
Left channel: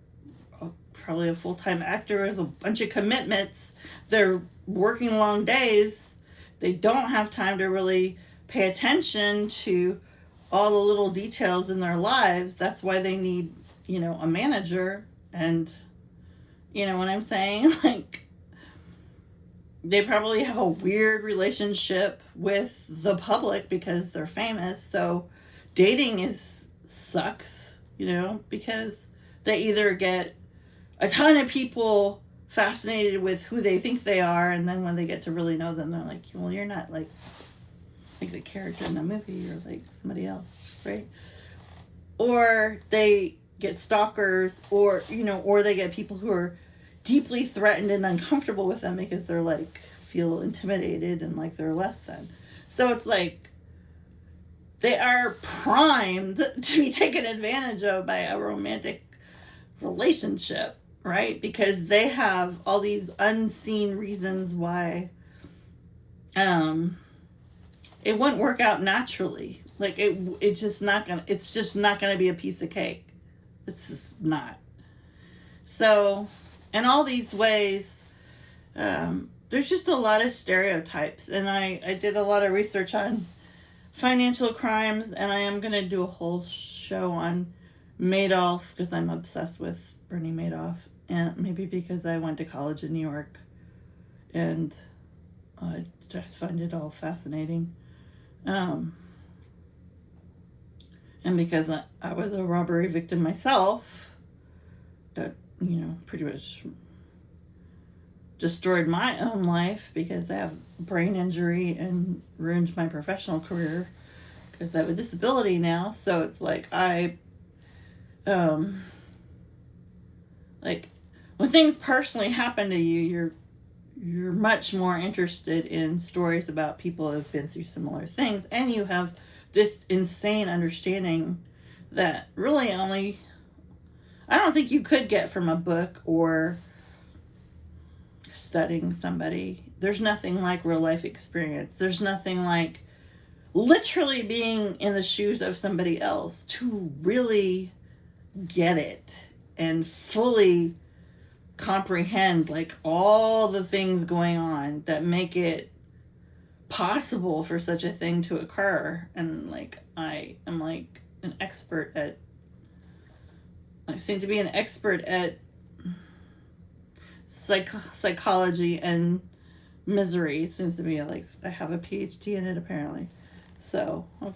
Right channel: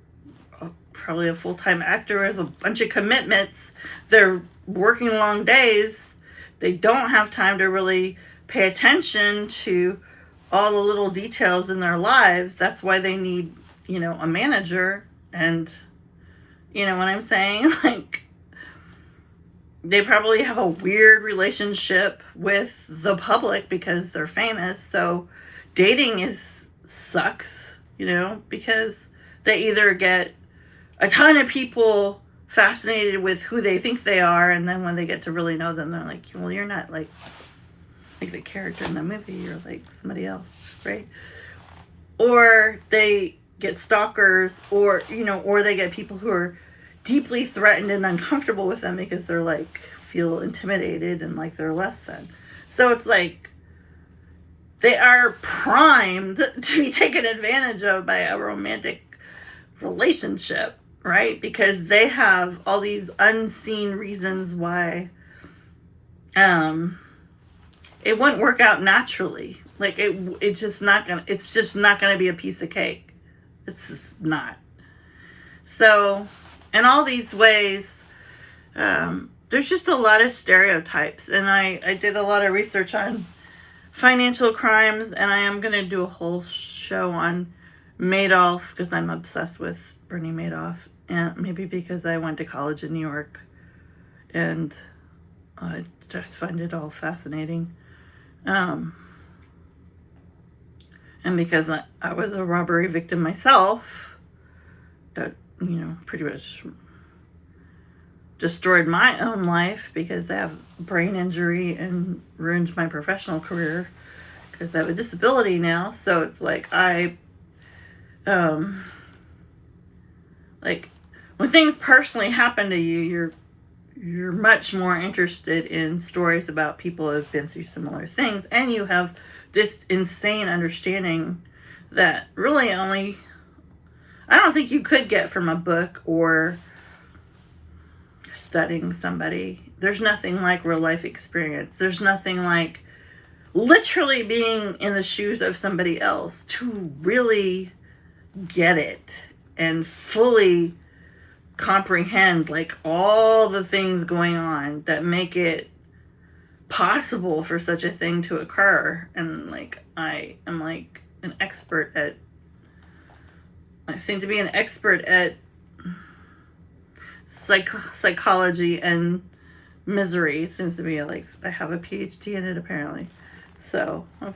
probably a full-time actor with a bunch of commitments, they're working long days, they don't have time to really pay attention to all the little details in their lives. That's why they need, a manager. And you know what I'm saying? Like, they probably have a weird relationship with the public because they're famous. So dating sucks, because they either get a ton of people fascinated with who they think they are, and then when they get to really know them, they're like, well, you're not like the character in the movie, you're like somebody else, right? Or they get stalkers, or they get people who are deeply threatened and uncomfortable with them because they're like feel intimidated and like they're less than. So it's like they are primed to be taken advantage of by a romantic relationship, right? Because they have all these unseen reasons why it wouldn't work out naturally. Like it's just not gonna be a piece of cake. It's just not. So in all these ways, there's just a lot of stereotypes. And I did a lot of research on financial crimes, and I am going to do a whole show on Madoff because I'm obsessed with Bernie Madoff. And maybe because I went to college in New York and I just find it all fascinating. And because I was a robbery victim myself, that, pretty much destroyed my own life because I have brain injury and ruined my professional career because I have a disability now. So it's like like when things personally happen to you, you're much more interested in stories about people who have been through similar things, and you have this insane understanding that really only I don't think you could get from a book or studying somebody. There's nothing like real life experience. There's nothing like literally being in the shoes of somebody else to really get it and fully comprehend like all the things going on that make it possible for such a thing to occur. And like I am like an expert at I seem to be an expert at psychology and misery. It seems to be like I have a PhD in it apparently. So I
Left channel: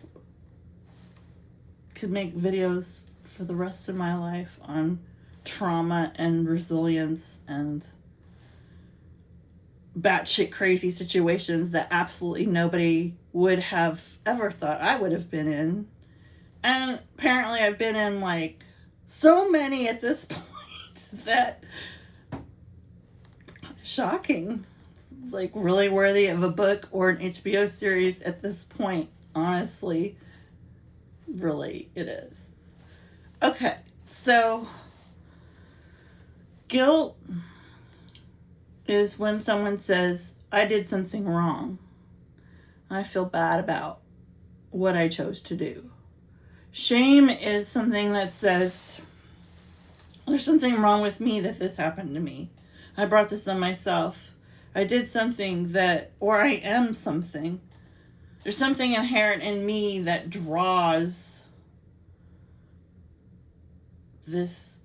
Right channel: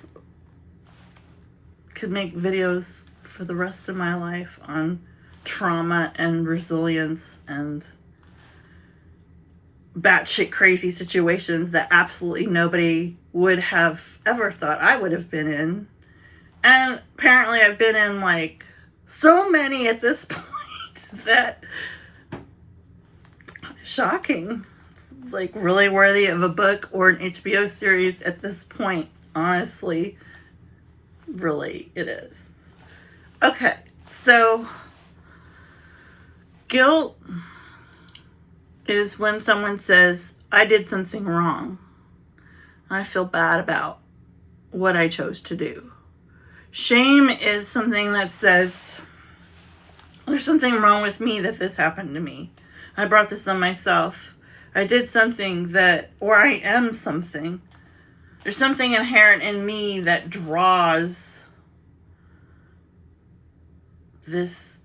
could make videos for the rest of my life on trauma and resilience and batshit crazy situations that absolutely nobody would have ever thought I would have been in. And apparently I've been in like so many at this point that shocking. It's like really worthy of a book or an HBO series at this point. Honestly, really it is. Okay, so guilt is when someone says, I did something wrong. I feel bad about what I chose to do. Shame is something that says, there's something wrong with me that this happened to me. I brought this on myself. I did something or I am something. There's something inherent in me that draws this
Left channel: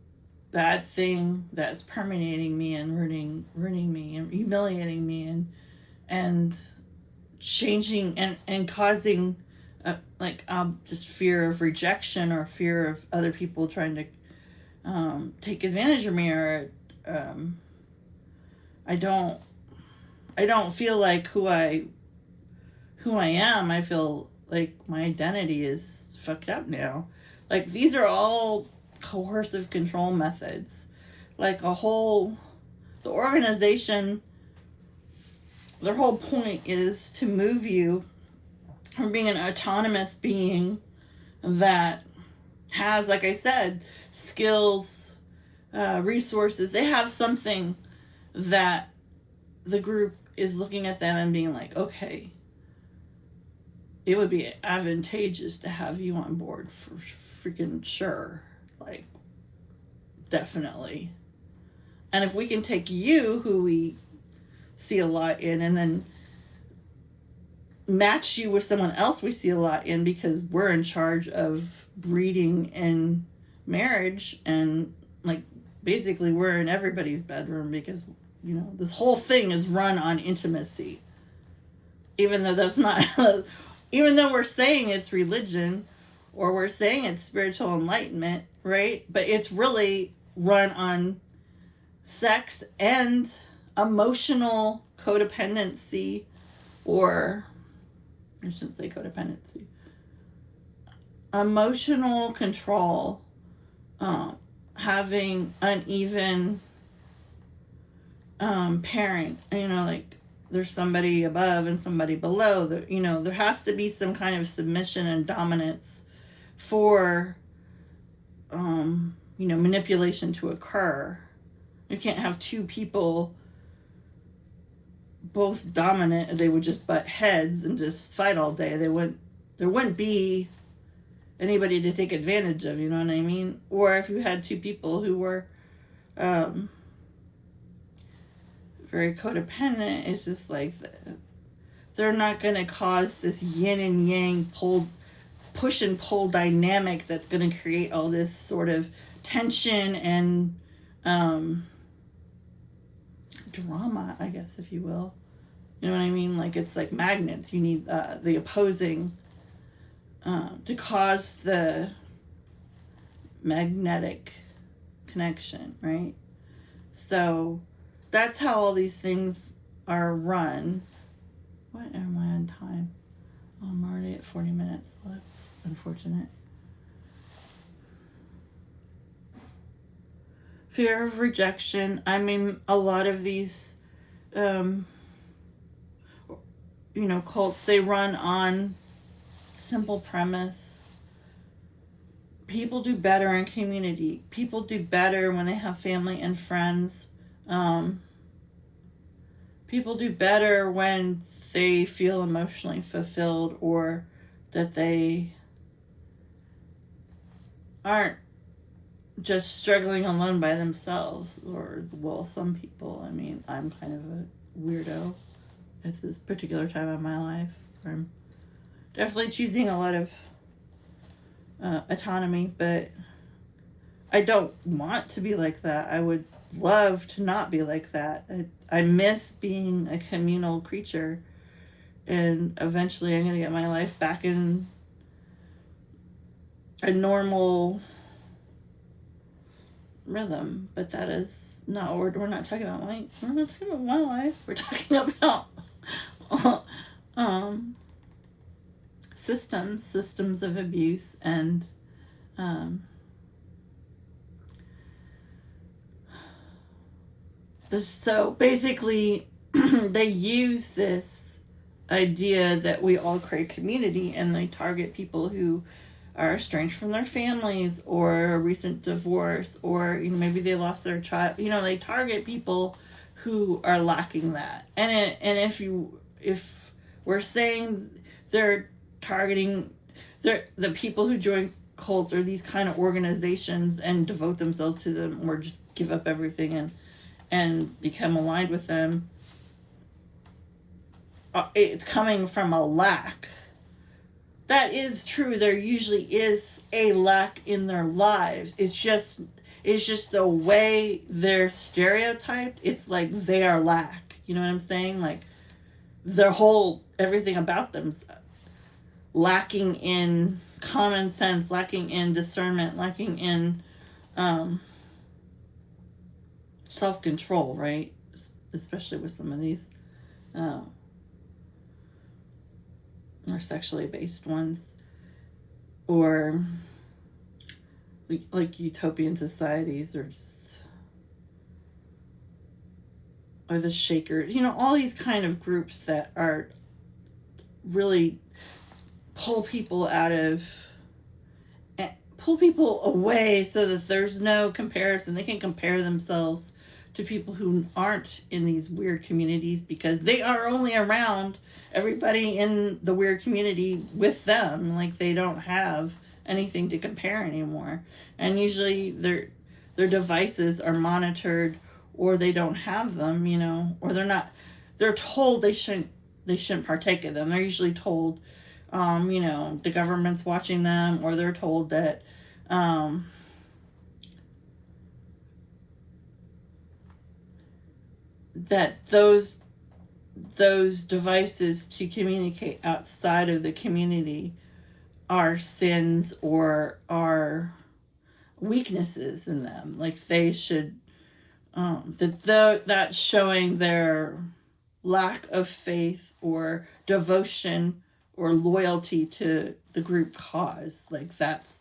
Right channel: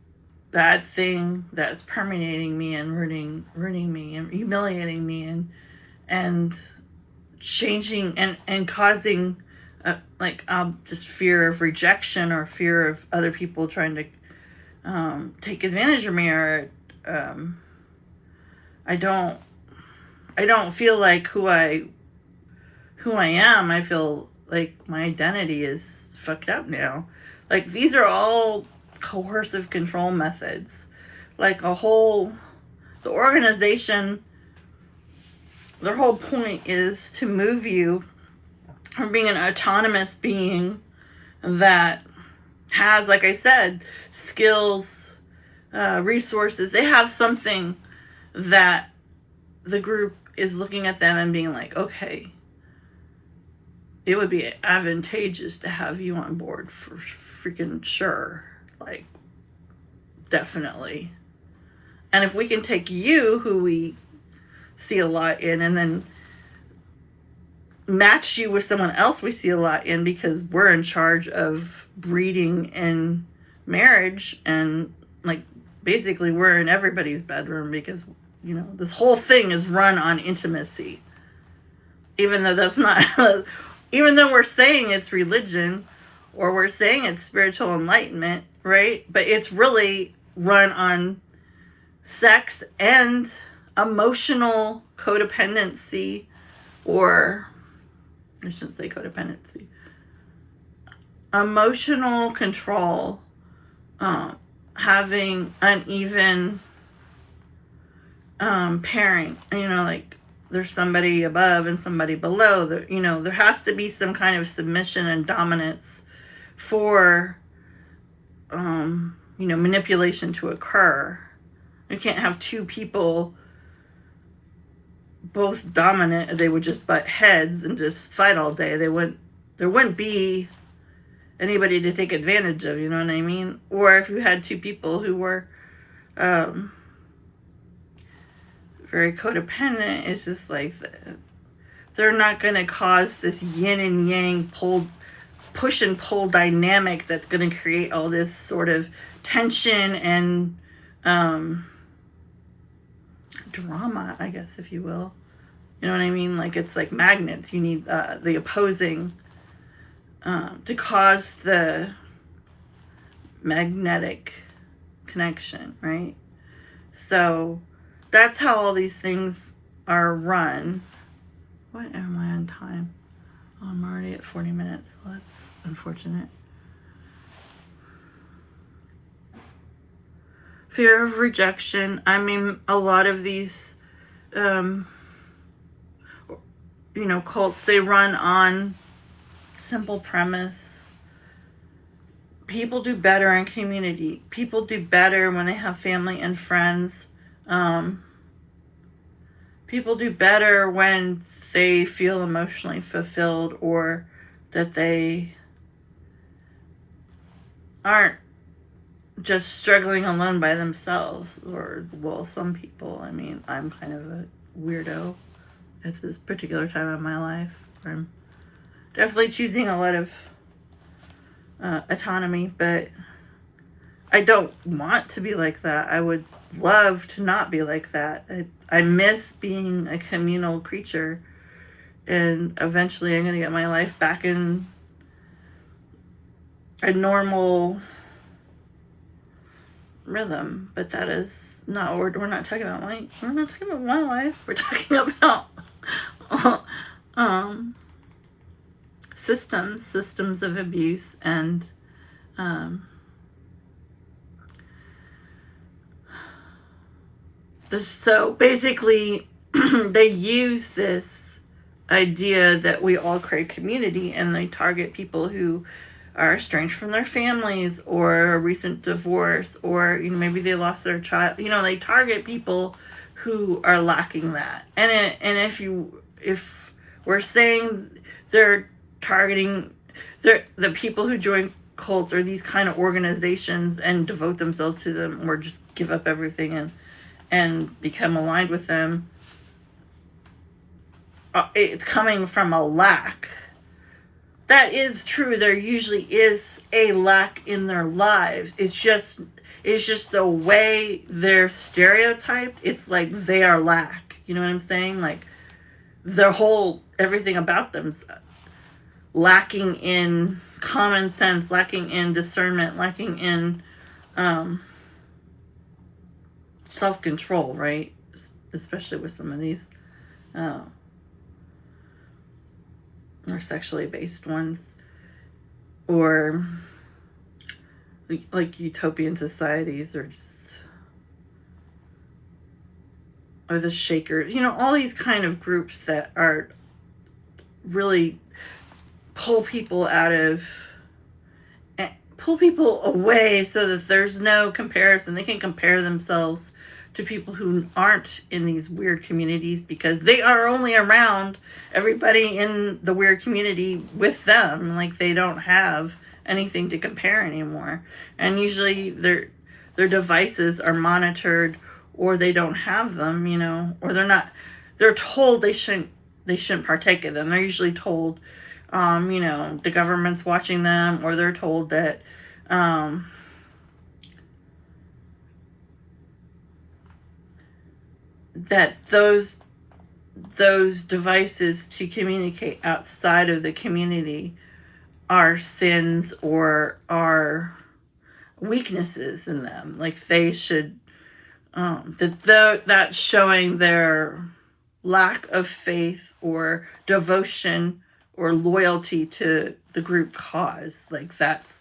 bad thing that's permeating me and ruining me and humiliating me and changing and causing just fear of rejection or fear of other people trying to take advantage of me, or I don't feel like who I am. I feel like my identity is fucked up now. Like these are all coercive control methods. Like the organization, their whole point is to move you from being an autonomous being that has, like I said, skills, resources. They have something that the group is looking at them and being like, okay, it would be advantageous to have you on board for freaking sure. Like, definitely. And if we can take you, who we see a lot in, and then match you with someone else we see a lot in, because we're in charge of breeding and marriage, and like basically we're in everybody's bedroom, because you know this whole thing is run on intimacy, even though that's not even though we're saying it's religion or we're saying it's spiritual enlightenment, right? But it's really run on sex and emotional codependency, or I shouldn't say codependency, emotional control, having uneven pairing, you know, like there's somebody above and somebody below. There has to be some kind of submission and dominance for manipulation to occur. You can't have two people both dominant. They would just butt heads and just fight all day. There wouldn't be anybody to take advantage of, you know what I mean? Or if you had two people who were very codependent, it's just like they're not going to cause this yin and yang push and pull dynamic that's going to create all this sort of tension and drama, I guess, if you will. You know what I mean? Like, it's like magnets. You need the opposing to cause the magnetic connection, right? So that's how all these things are run. What am I on time? Oh, I'm already at 40 minutes. Well, that's unfortunate. Fear of rejection. I mean, a lot of these, cults, they run on simple premise. People do better in community. People do better when they have family and friends. People do better when they feel emotionally fulfilled, or that they aren't just struggling alone by themselves. Or, well, some people, I mean, I'm kind of a weirdo at this particular time of my life, where I'm definitely choosing a lot of autonomy, but I don't want to be like that. I would love to not be like that. I miss being a communal creature, and eventually I'm going to get my life back in a normal rhythm. But that is not, we're not talking about my life. We're talking about systems of abuse, and so basically they use this idea that we all crave community, and they target people who are estranged from their families, or a recent divorce, or maybe they lost their child. They target people who are lacking that. And if we're saying they're targeting the people who join cults or these kind of organizations and devote themselves to them, or just give up everything and become aligned with them, it's coming from a lack. That is true. There usually is a lack in their lives. It's just the way they're stereotyped. It's like they are lack. You know what I'm saying? Like, everything about them's lacking in common sense, lacking in discernment, lacking in self-control, right? Especially with some of these or sexually based ones, or like utopian societies, or the Shakers, all these kind of groups that are really pull people away, so that there's no comparison. They can compare themselves to people who aren't in these weird communities, because they are only around everybody in the weird community with them. Like, they don't have anything to compare anymore. And usually their devices are monitored, or they don't have them, you know, or they're told they shouldn't partake in them. They're usually told, you know, the government's watching them, or they're told that, that those devices to communicate outside of the community are sins or are weaknesses in them. Like, they should, that's showing their lack of faith or devotion or loyalty to the group cause. Like, that's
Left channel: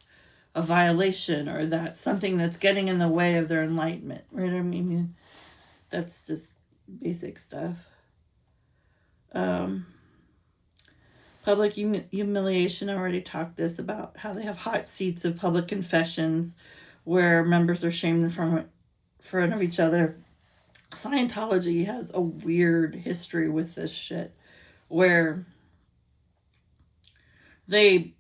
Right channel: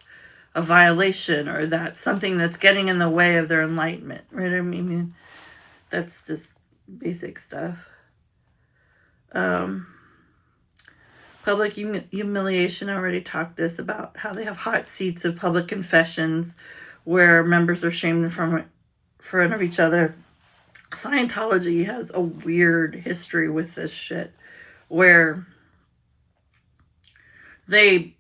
a violation, or that's something that's getting in the way of their enlightenment, right? I mean, that's just basic stuff. Public humiliation, I already talked this about how they have hot seats of public confessions where members are shamed in front of each other. Scientology has a weird history with this shit, where I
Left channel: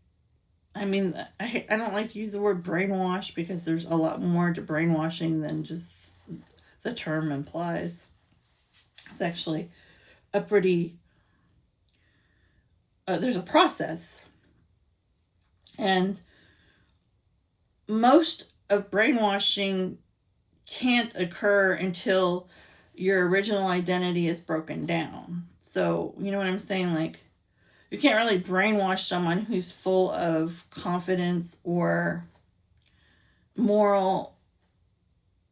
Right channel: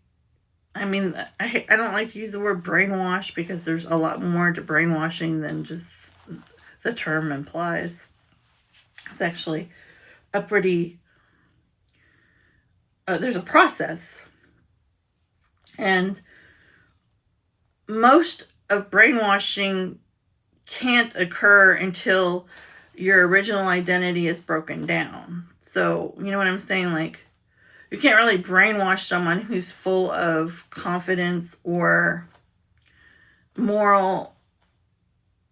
don't like to use the word brainwash, because there's a lot more to brainwashing than just the term implies. It's actually a pretty, there's a process. And most of brainwashing can't occur until your original identity is broken down. So, you know what I'm saying? Like, you can't really brainwash someone who's full of confidence or moral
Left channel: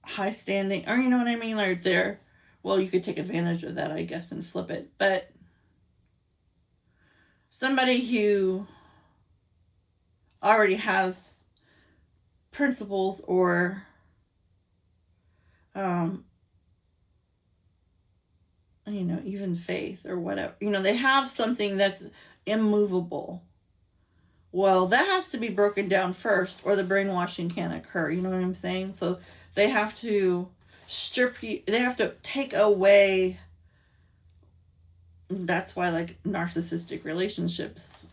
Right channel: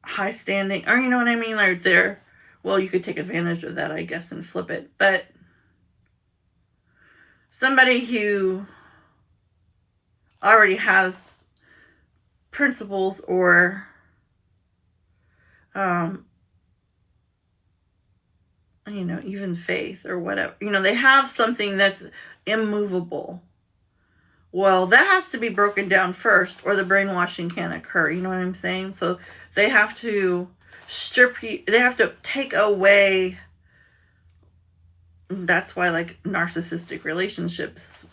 high standing, or, you know what I mean? Like, well, you could take advantage of that, I guess, and flip it. But somebody who already has principles or you know, even faith or whatever, you know, they have something that's immovable. Well, that has to be broken down first, or the brainwashing can't occur. You know what I'm saying? So they have to they have to take away. That's why, like, narcissistic relationships,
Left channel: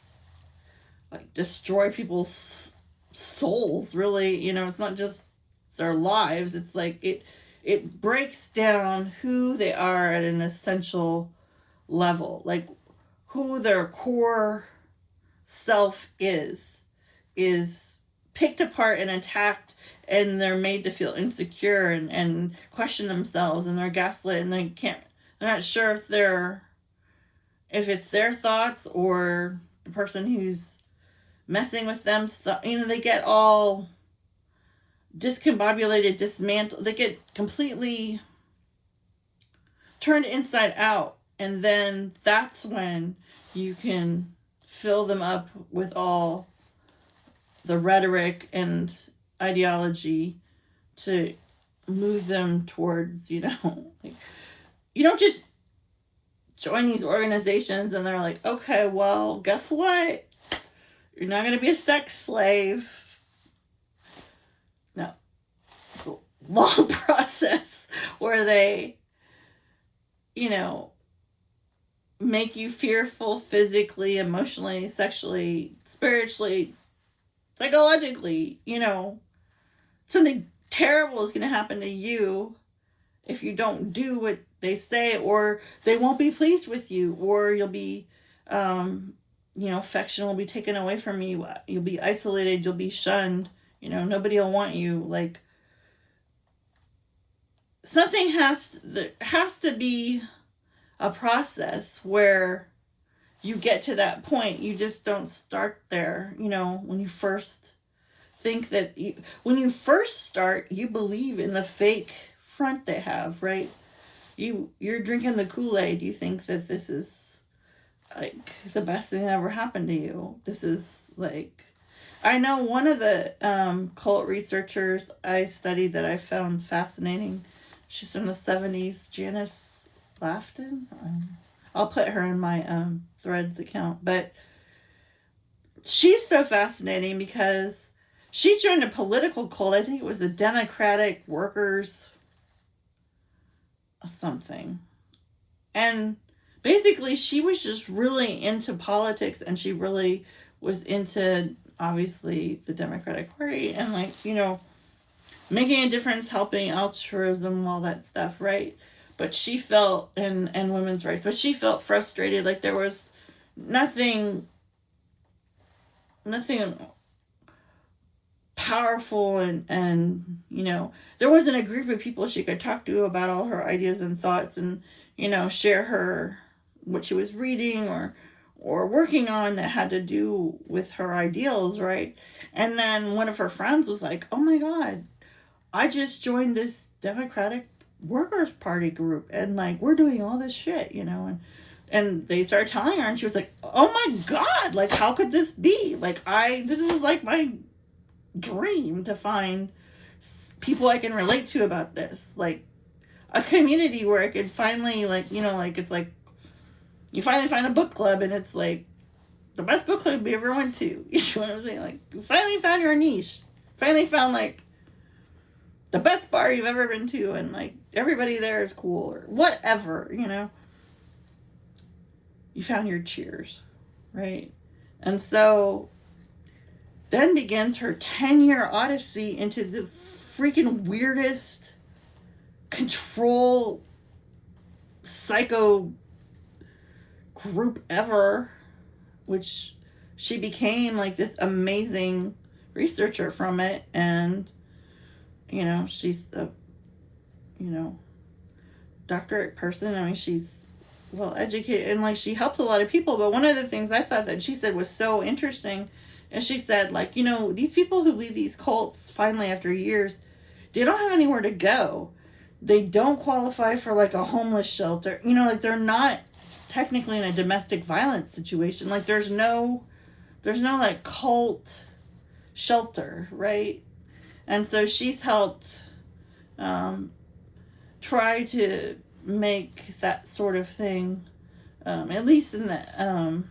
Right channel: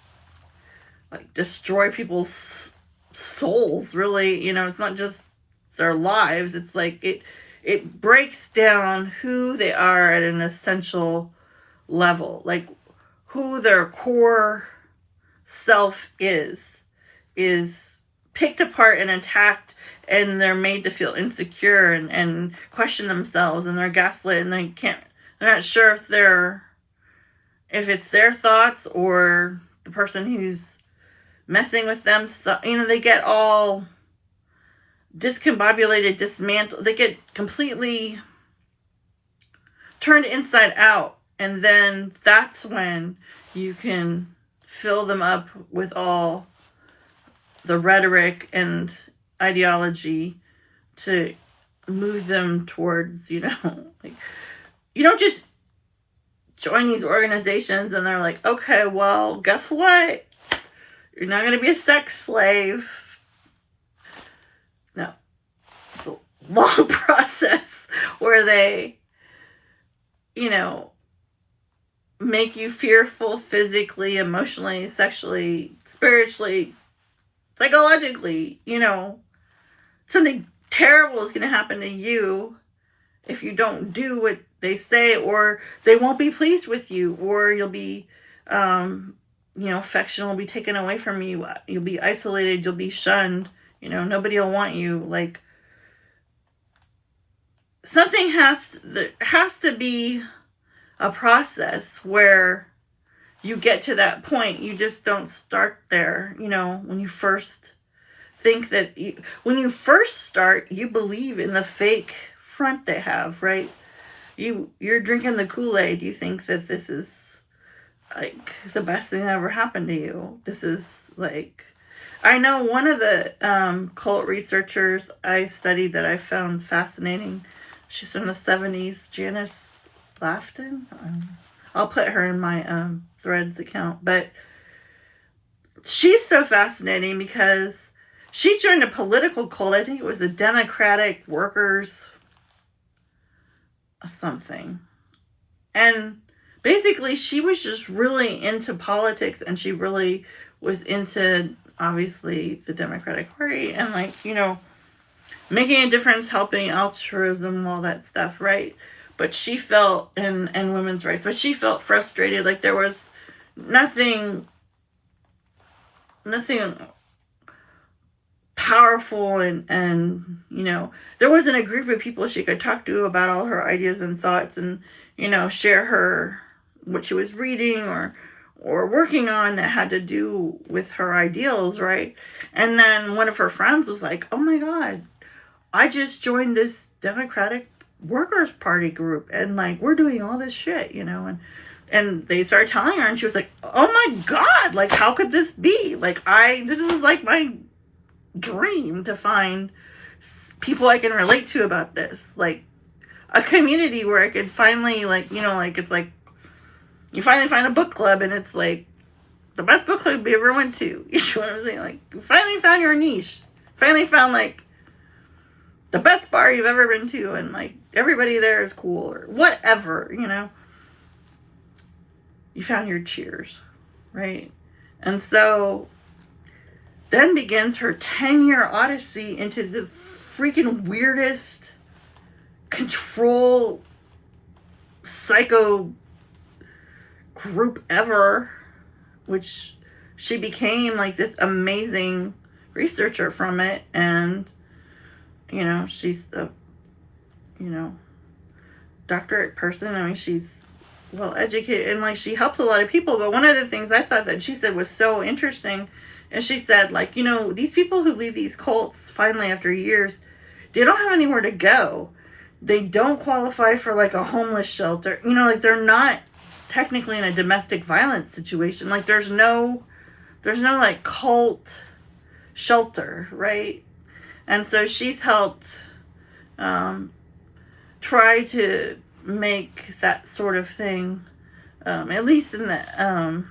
like, destroy people's souls, really. You know, it's not just their lives. It's like, it breaks down who they are at an essential level. Like, who their core self is picked apart and attacked, and they're made to feel insecure and question themselves, and they're gaslit, and they're not sure if it's their thoughts or the person who's messing with them. You know, they get all discombobulated, dismantled. They get completely turned inside out. And then that's when you can fill them up with all the rhetoric and ideology to move them towards, you know, like, you don't just join these organizations and they're like, okay, well, guess what? You're not going to be a sex slave. No. It's a long process where they, you know, make you fearful physically, emotionally, sexually, spiritually, psychologically. You know, something terrible is going to happen to you if you don't do what they say, or they won't be pleased with you, or you'll be, you know, affection will be taken away from you. You'll be isolated. You'll be shunned. You know, nobody will want you. Like, something there has to be a process where you get to that point. You just don't start there. You know, when you first think that when you first start, you believe in the fake front they have, right? You're drinking the Kool-Aid. You think that this is like the best thing that ever happened to you. This is like, I know one of the cult researchers I studied that I found fascinating. She's from the 70s, Janice Lafton. I'll put her in my Threads account. But she's so fascinating because she joined a political cult. I think it was the Democratic Workers something. And basically, she was just really into politics, and she really was into, obviously, the Democratic Party, and, like, you know, making a difference, helping altruism, all that stuff, right? But she felt, and women's rights, but she felt frustrated, like there was nothing powerful, and you know, there wasn't a group of people she could talk to about all her ideas and thoughts, and, you know, share her what she was reading or working on that had to do with her ideals, right? And then one of her friends was like, oh my God, I just joined this Democratic Workers' Party group, and, like, we're doing all this shit, you know, and they started telling her, and she was like, oh my God, like, how could this be? Like, this is like my dream to find people I can relate to about this, like a community where I could finally, like, you know, like, it's like you finally find a book club, and it's like the best book club you ever went to. You know what I'm saying? Like, you finally found your niche, finally found, like, the best bar you've ever been to, and, like, everybody there is cool, or whatever, you know. You found your cheers, right? And so then begins her 10-year odyssey into the freaking weirdest control psycho group ever, which she became, like, this amazing researcher from it. And, you know, she's a, you know, doctorate person. I mean, she's well educated, and, like, she helps a lot of people. But one of the things I thought that she said was so interesting, and she said, like, you know, these people who leave these cults finally after years, they don't have anywhere to go. They don't qualify for, like, a homeless shelter. You know, like, they're not technically in a domestic violence situation. Like, there's no like, cult shelter, right? And so she's helped try to make that sort of thing, at least in the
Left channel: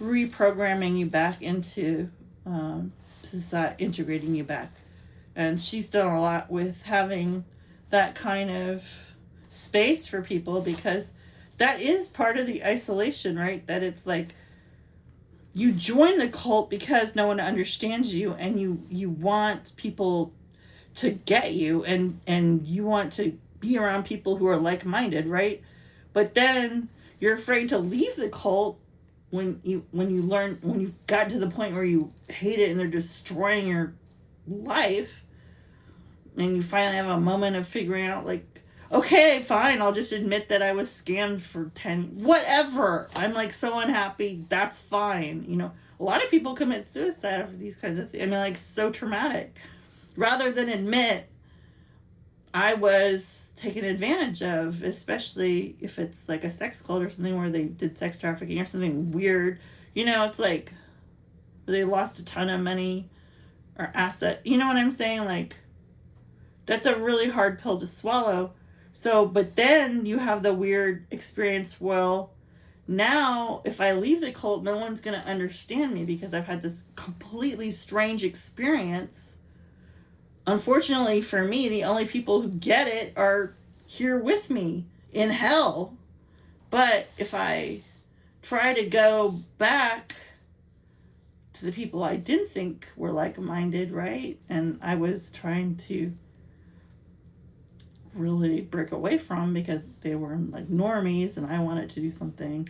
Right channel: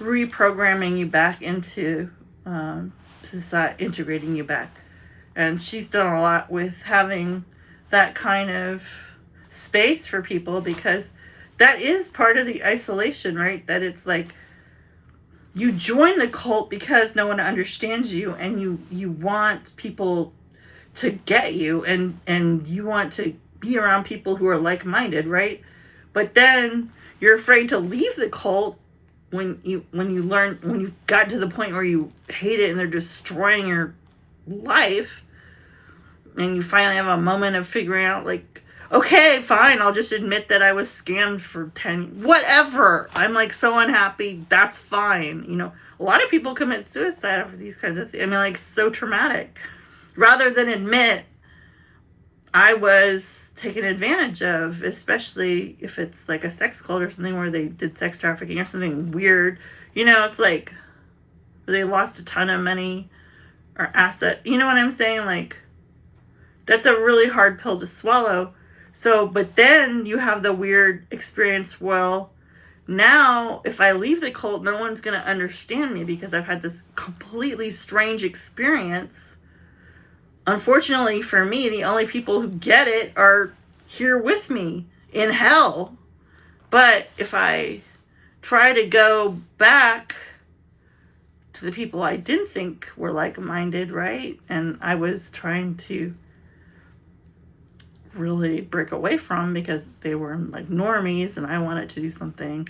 reprogramming you back into society, integrating you back. And she's done a lot with having that kind of space for people, because that is part of the isolation, right? That it's like you join the cult because no one understands you, and you want people to get you, and you want to be around people who are like-minded, right? But then you're afraid to leave the cult when you've got to the point where you hate it and they're destroying your life, and you finally have a moment of figuring out, like, okay, fine, I'll just admit that I was scammed for 10, whatever. I'm, like, so unhappy. That's fine. You know, a lot of people commit suicide after these kinds of things. I mean, like, so traumatic. Rather than admit I was taken advantage of, especially if it's, like, a sex cult or something where they did sex trafficking or something weird. You know, it's like they lost a ton of money or asset. You know what I'm saying? Like, that's a really hard pill to swallow. So, but then you have the weird experience, well, now if I leave the cult, no one's going to understand me because I've had this completely strange experience. Unfortunately for me, the only people who get it are here with me in hell. But if I try to go back to the people I didn't think were like-minded, right? And I was trying to really break away from because they were, like, normies, and I wanted to do something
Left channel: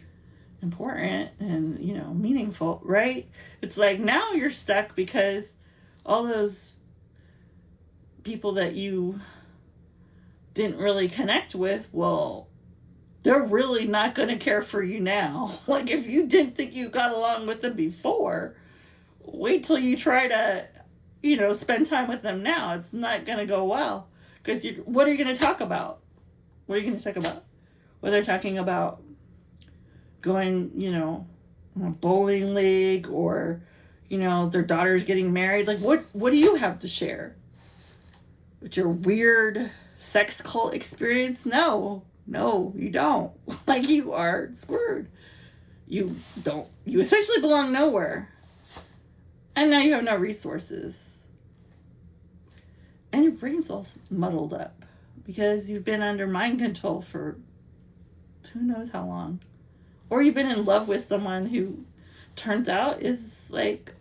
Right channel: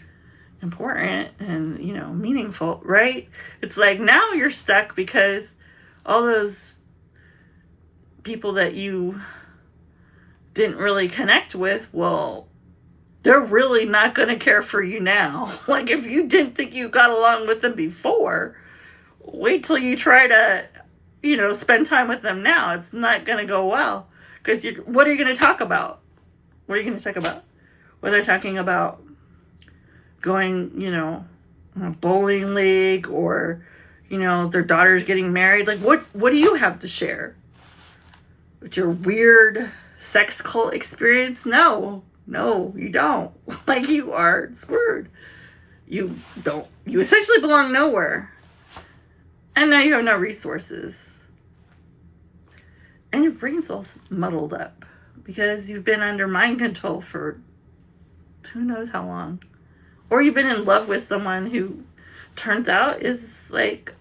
important and, you know, meaningful, right? It's like now you're stuck because all those people that you didn't really connect with, well, they're really not going to care for you now. Like, if you didn't think you got along with them before, wait till you try to, you know, spend time with them now. It's not going to go well. Because what are you going to talk about? What are you going to talk about? Well, they're talking about going, you know, on a bowling league, or, you know, their daughter's getting married. Like, what do you have to share? With your weird sex cult experience? No, you don't. Like, you are screwed. You essentially belong nowhere. And now you have no resources. And your brain's all muddled up. because you've been under mind control for who knows how long. Or you've been in love with someone who turns out is like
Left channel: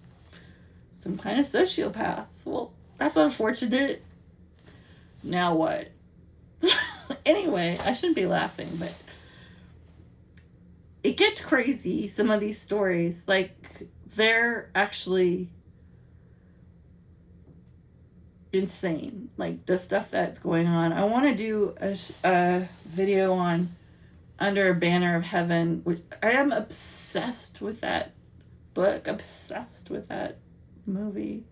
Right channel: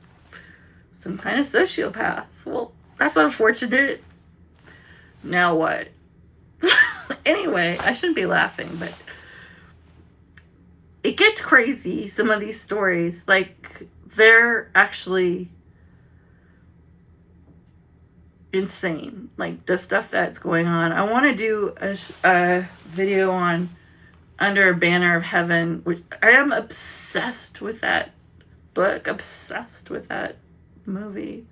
some kind of sociopath. Well, that's unfortunate. Now what? Anyway, I shouldn't be laughing, but it gets crazy, some of these stories. Like, they're actually insane. Like, the stuff that's going on. I want to do a video on Under a Banner of Heaven, which I am obsessed with that book, obsessed with that movie.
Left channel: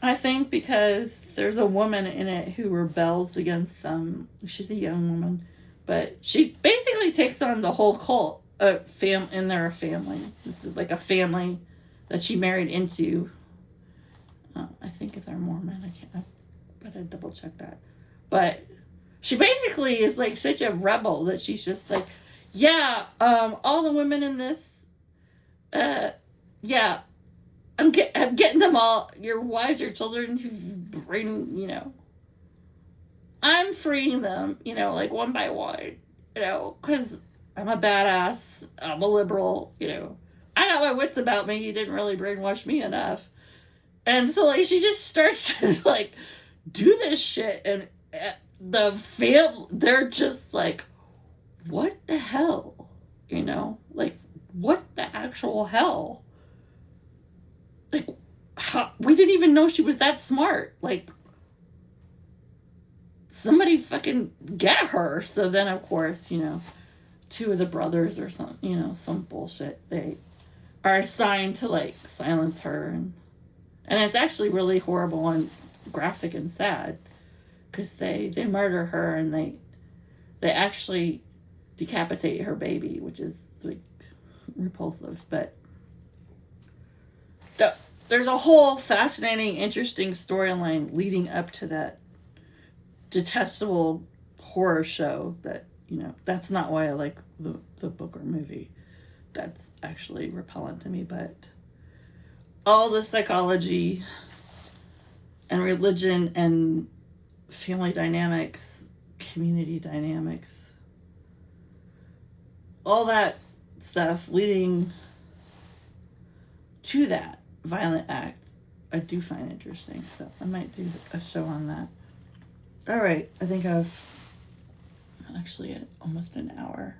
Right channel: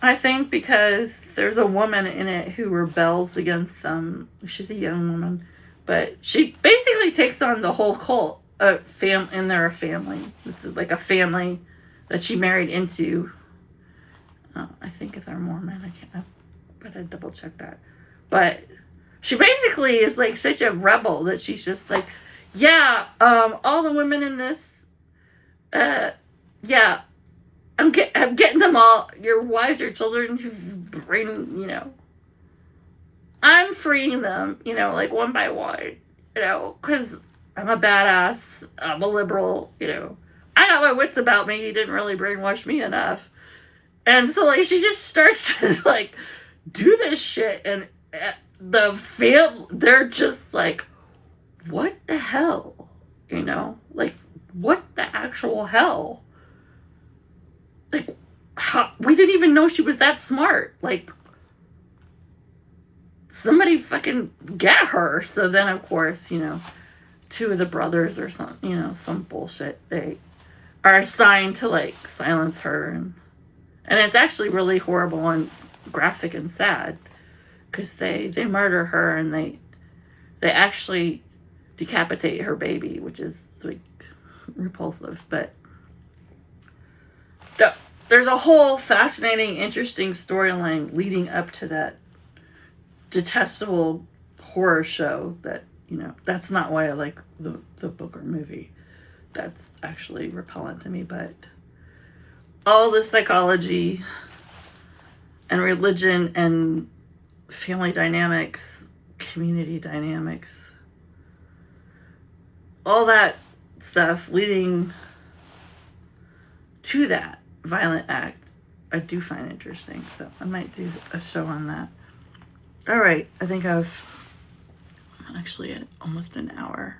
I think because there's a woman in it who rebels against them. She's a young woman, but she basically takes on the whole cult. And they're a family. It's like a family that she married into. I think they're Mormon. I can't. But I double check that. But she basically is like such a rebel that she's just like, yeah, all the women in this, yeah, I'm getting them all, your wives, your children, who bring, I'm freeing them, like one by one, because I'm a badass, I'm a liberal, I got my wits about me, you didn't really brainwash me enough. And so, like, she just starts to, like, do this shit, and they're just like, what the hell? Like, what the actual hell? Like, we didn't even know she was that smart. Like, somebody fucking get her. So then, of course, two of the brothers or some bullshit, they are assigned to, like, silence her. And it's actually really horrible and graphic and sad. Because they murder her and they actually decapitate her baby, which is, like, repulsive. But there's a whole fascinating, interesting storyline leading up to that detestable horror show that, that's not why I like the book or movie. That's actually repellent to me. But all the psychology and religion and family dynamics, community dynamics, all that stuff leading to that violent act, I do find interesting. So I might do a show on that. All right, I think I'm actually at almost an hour.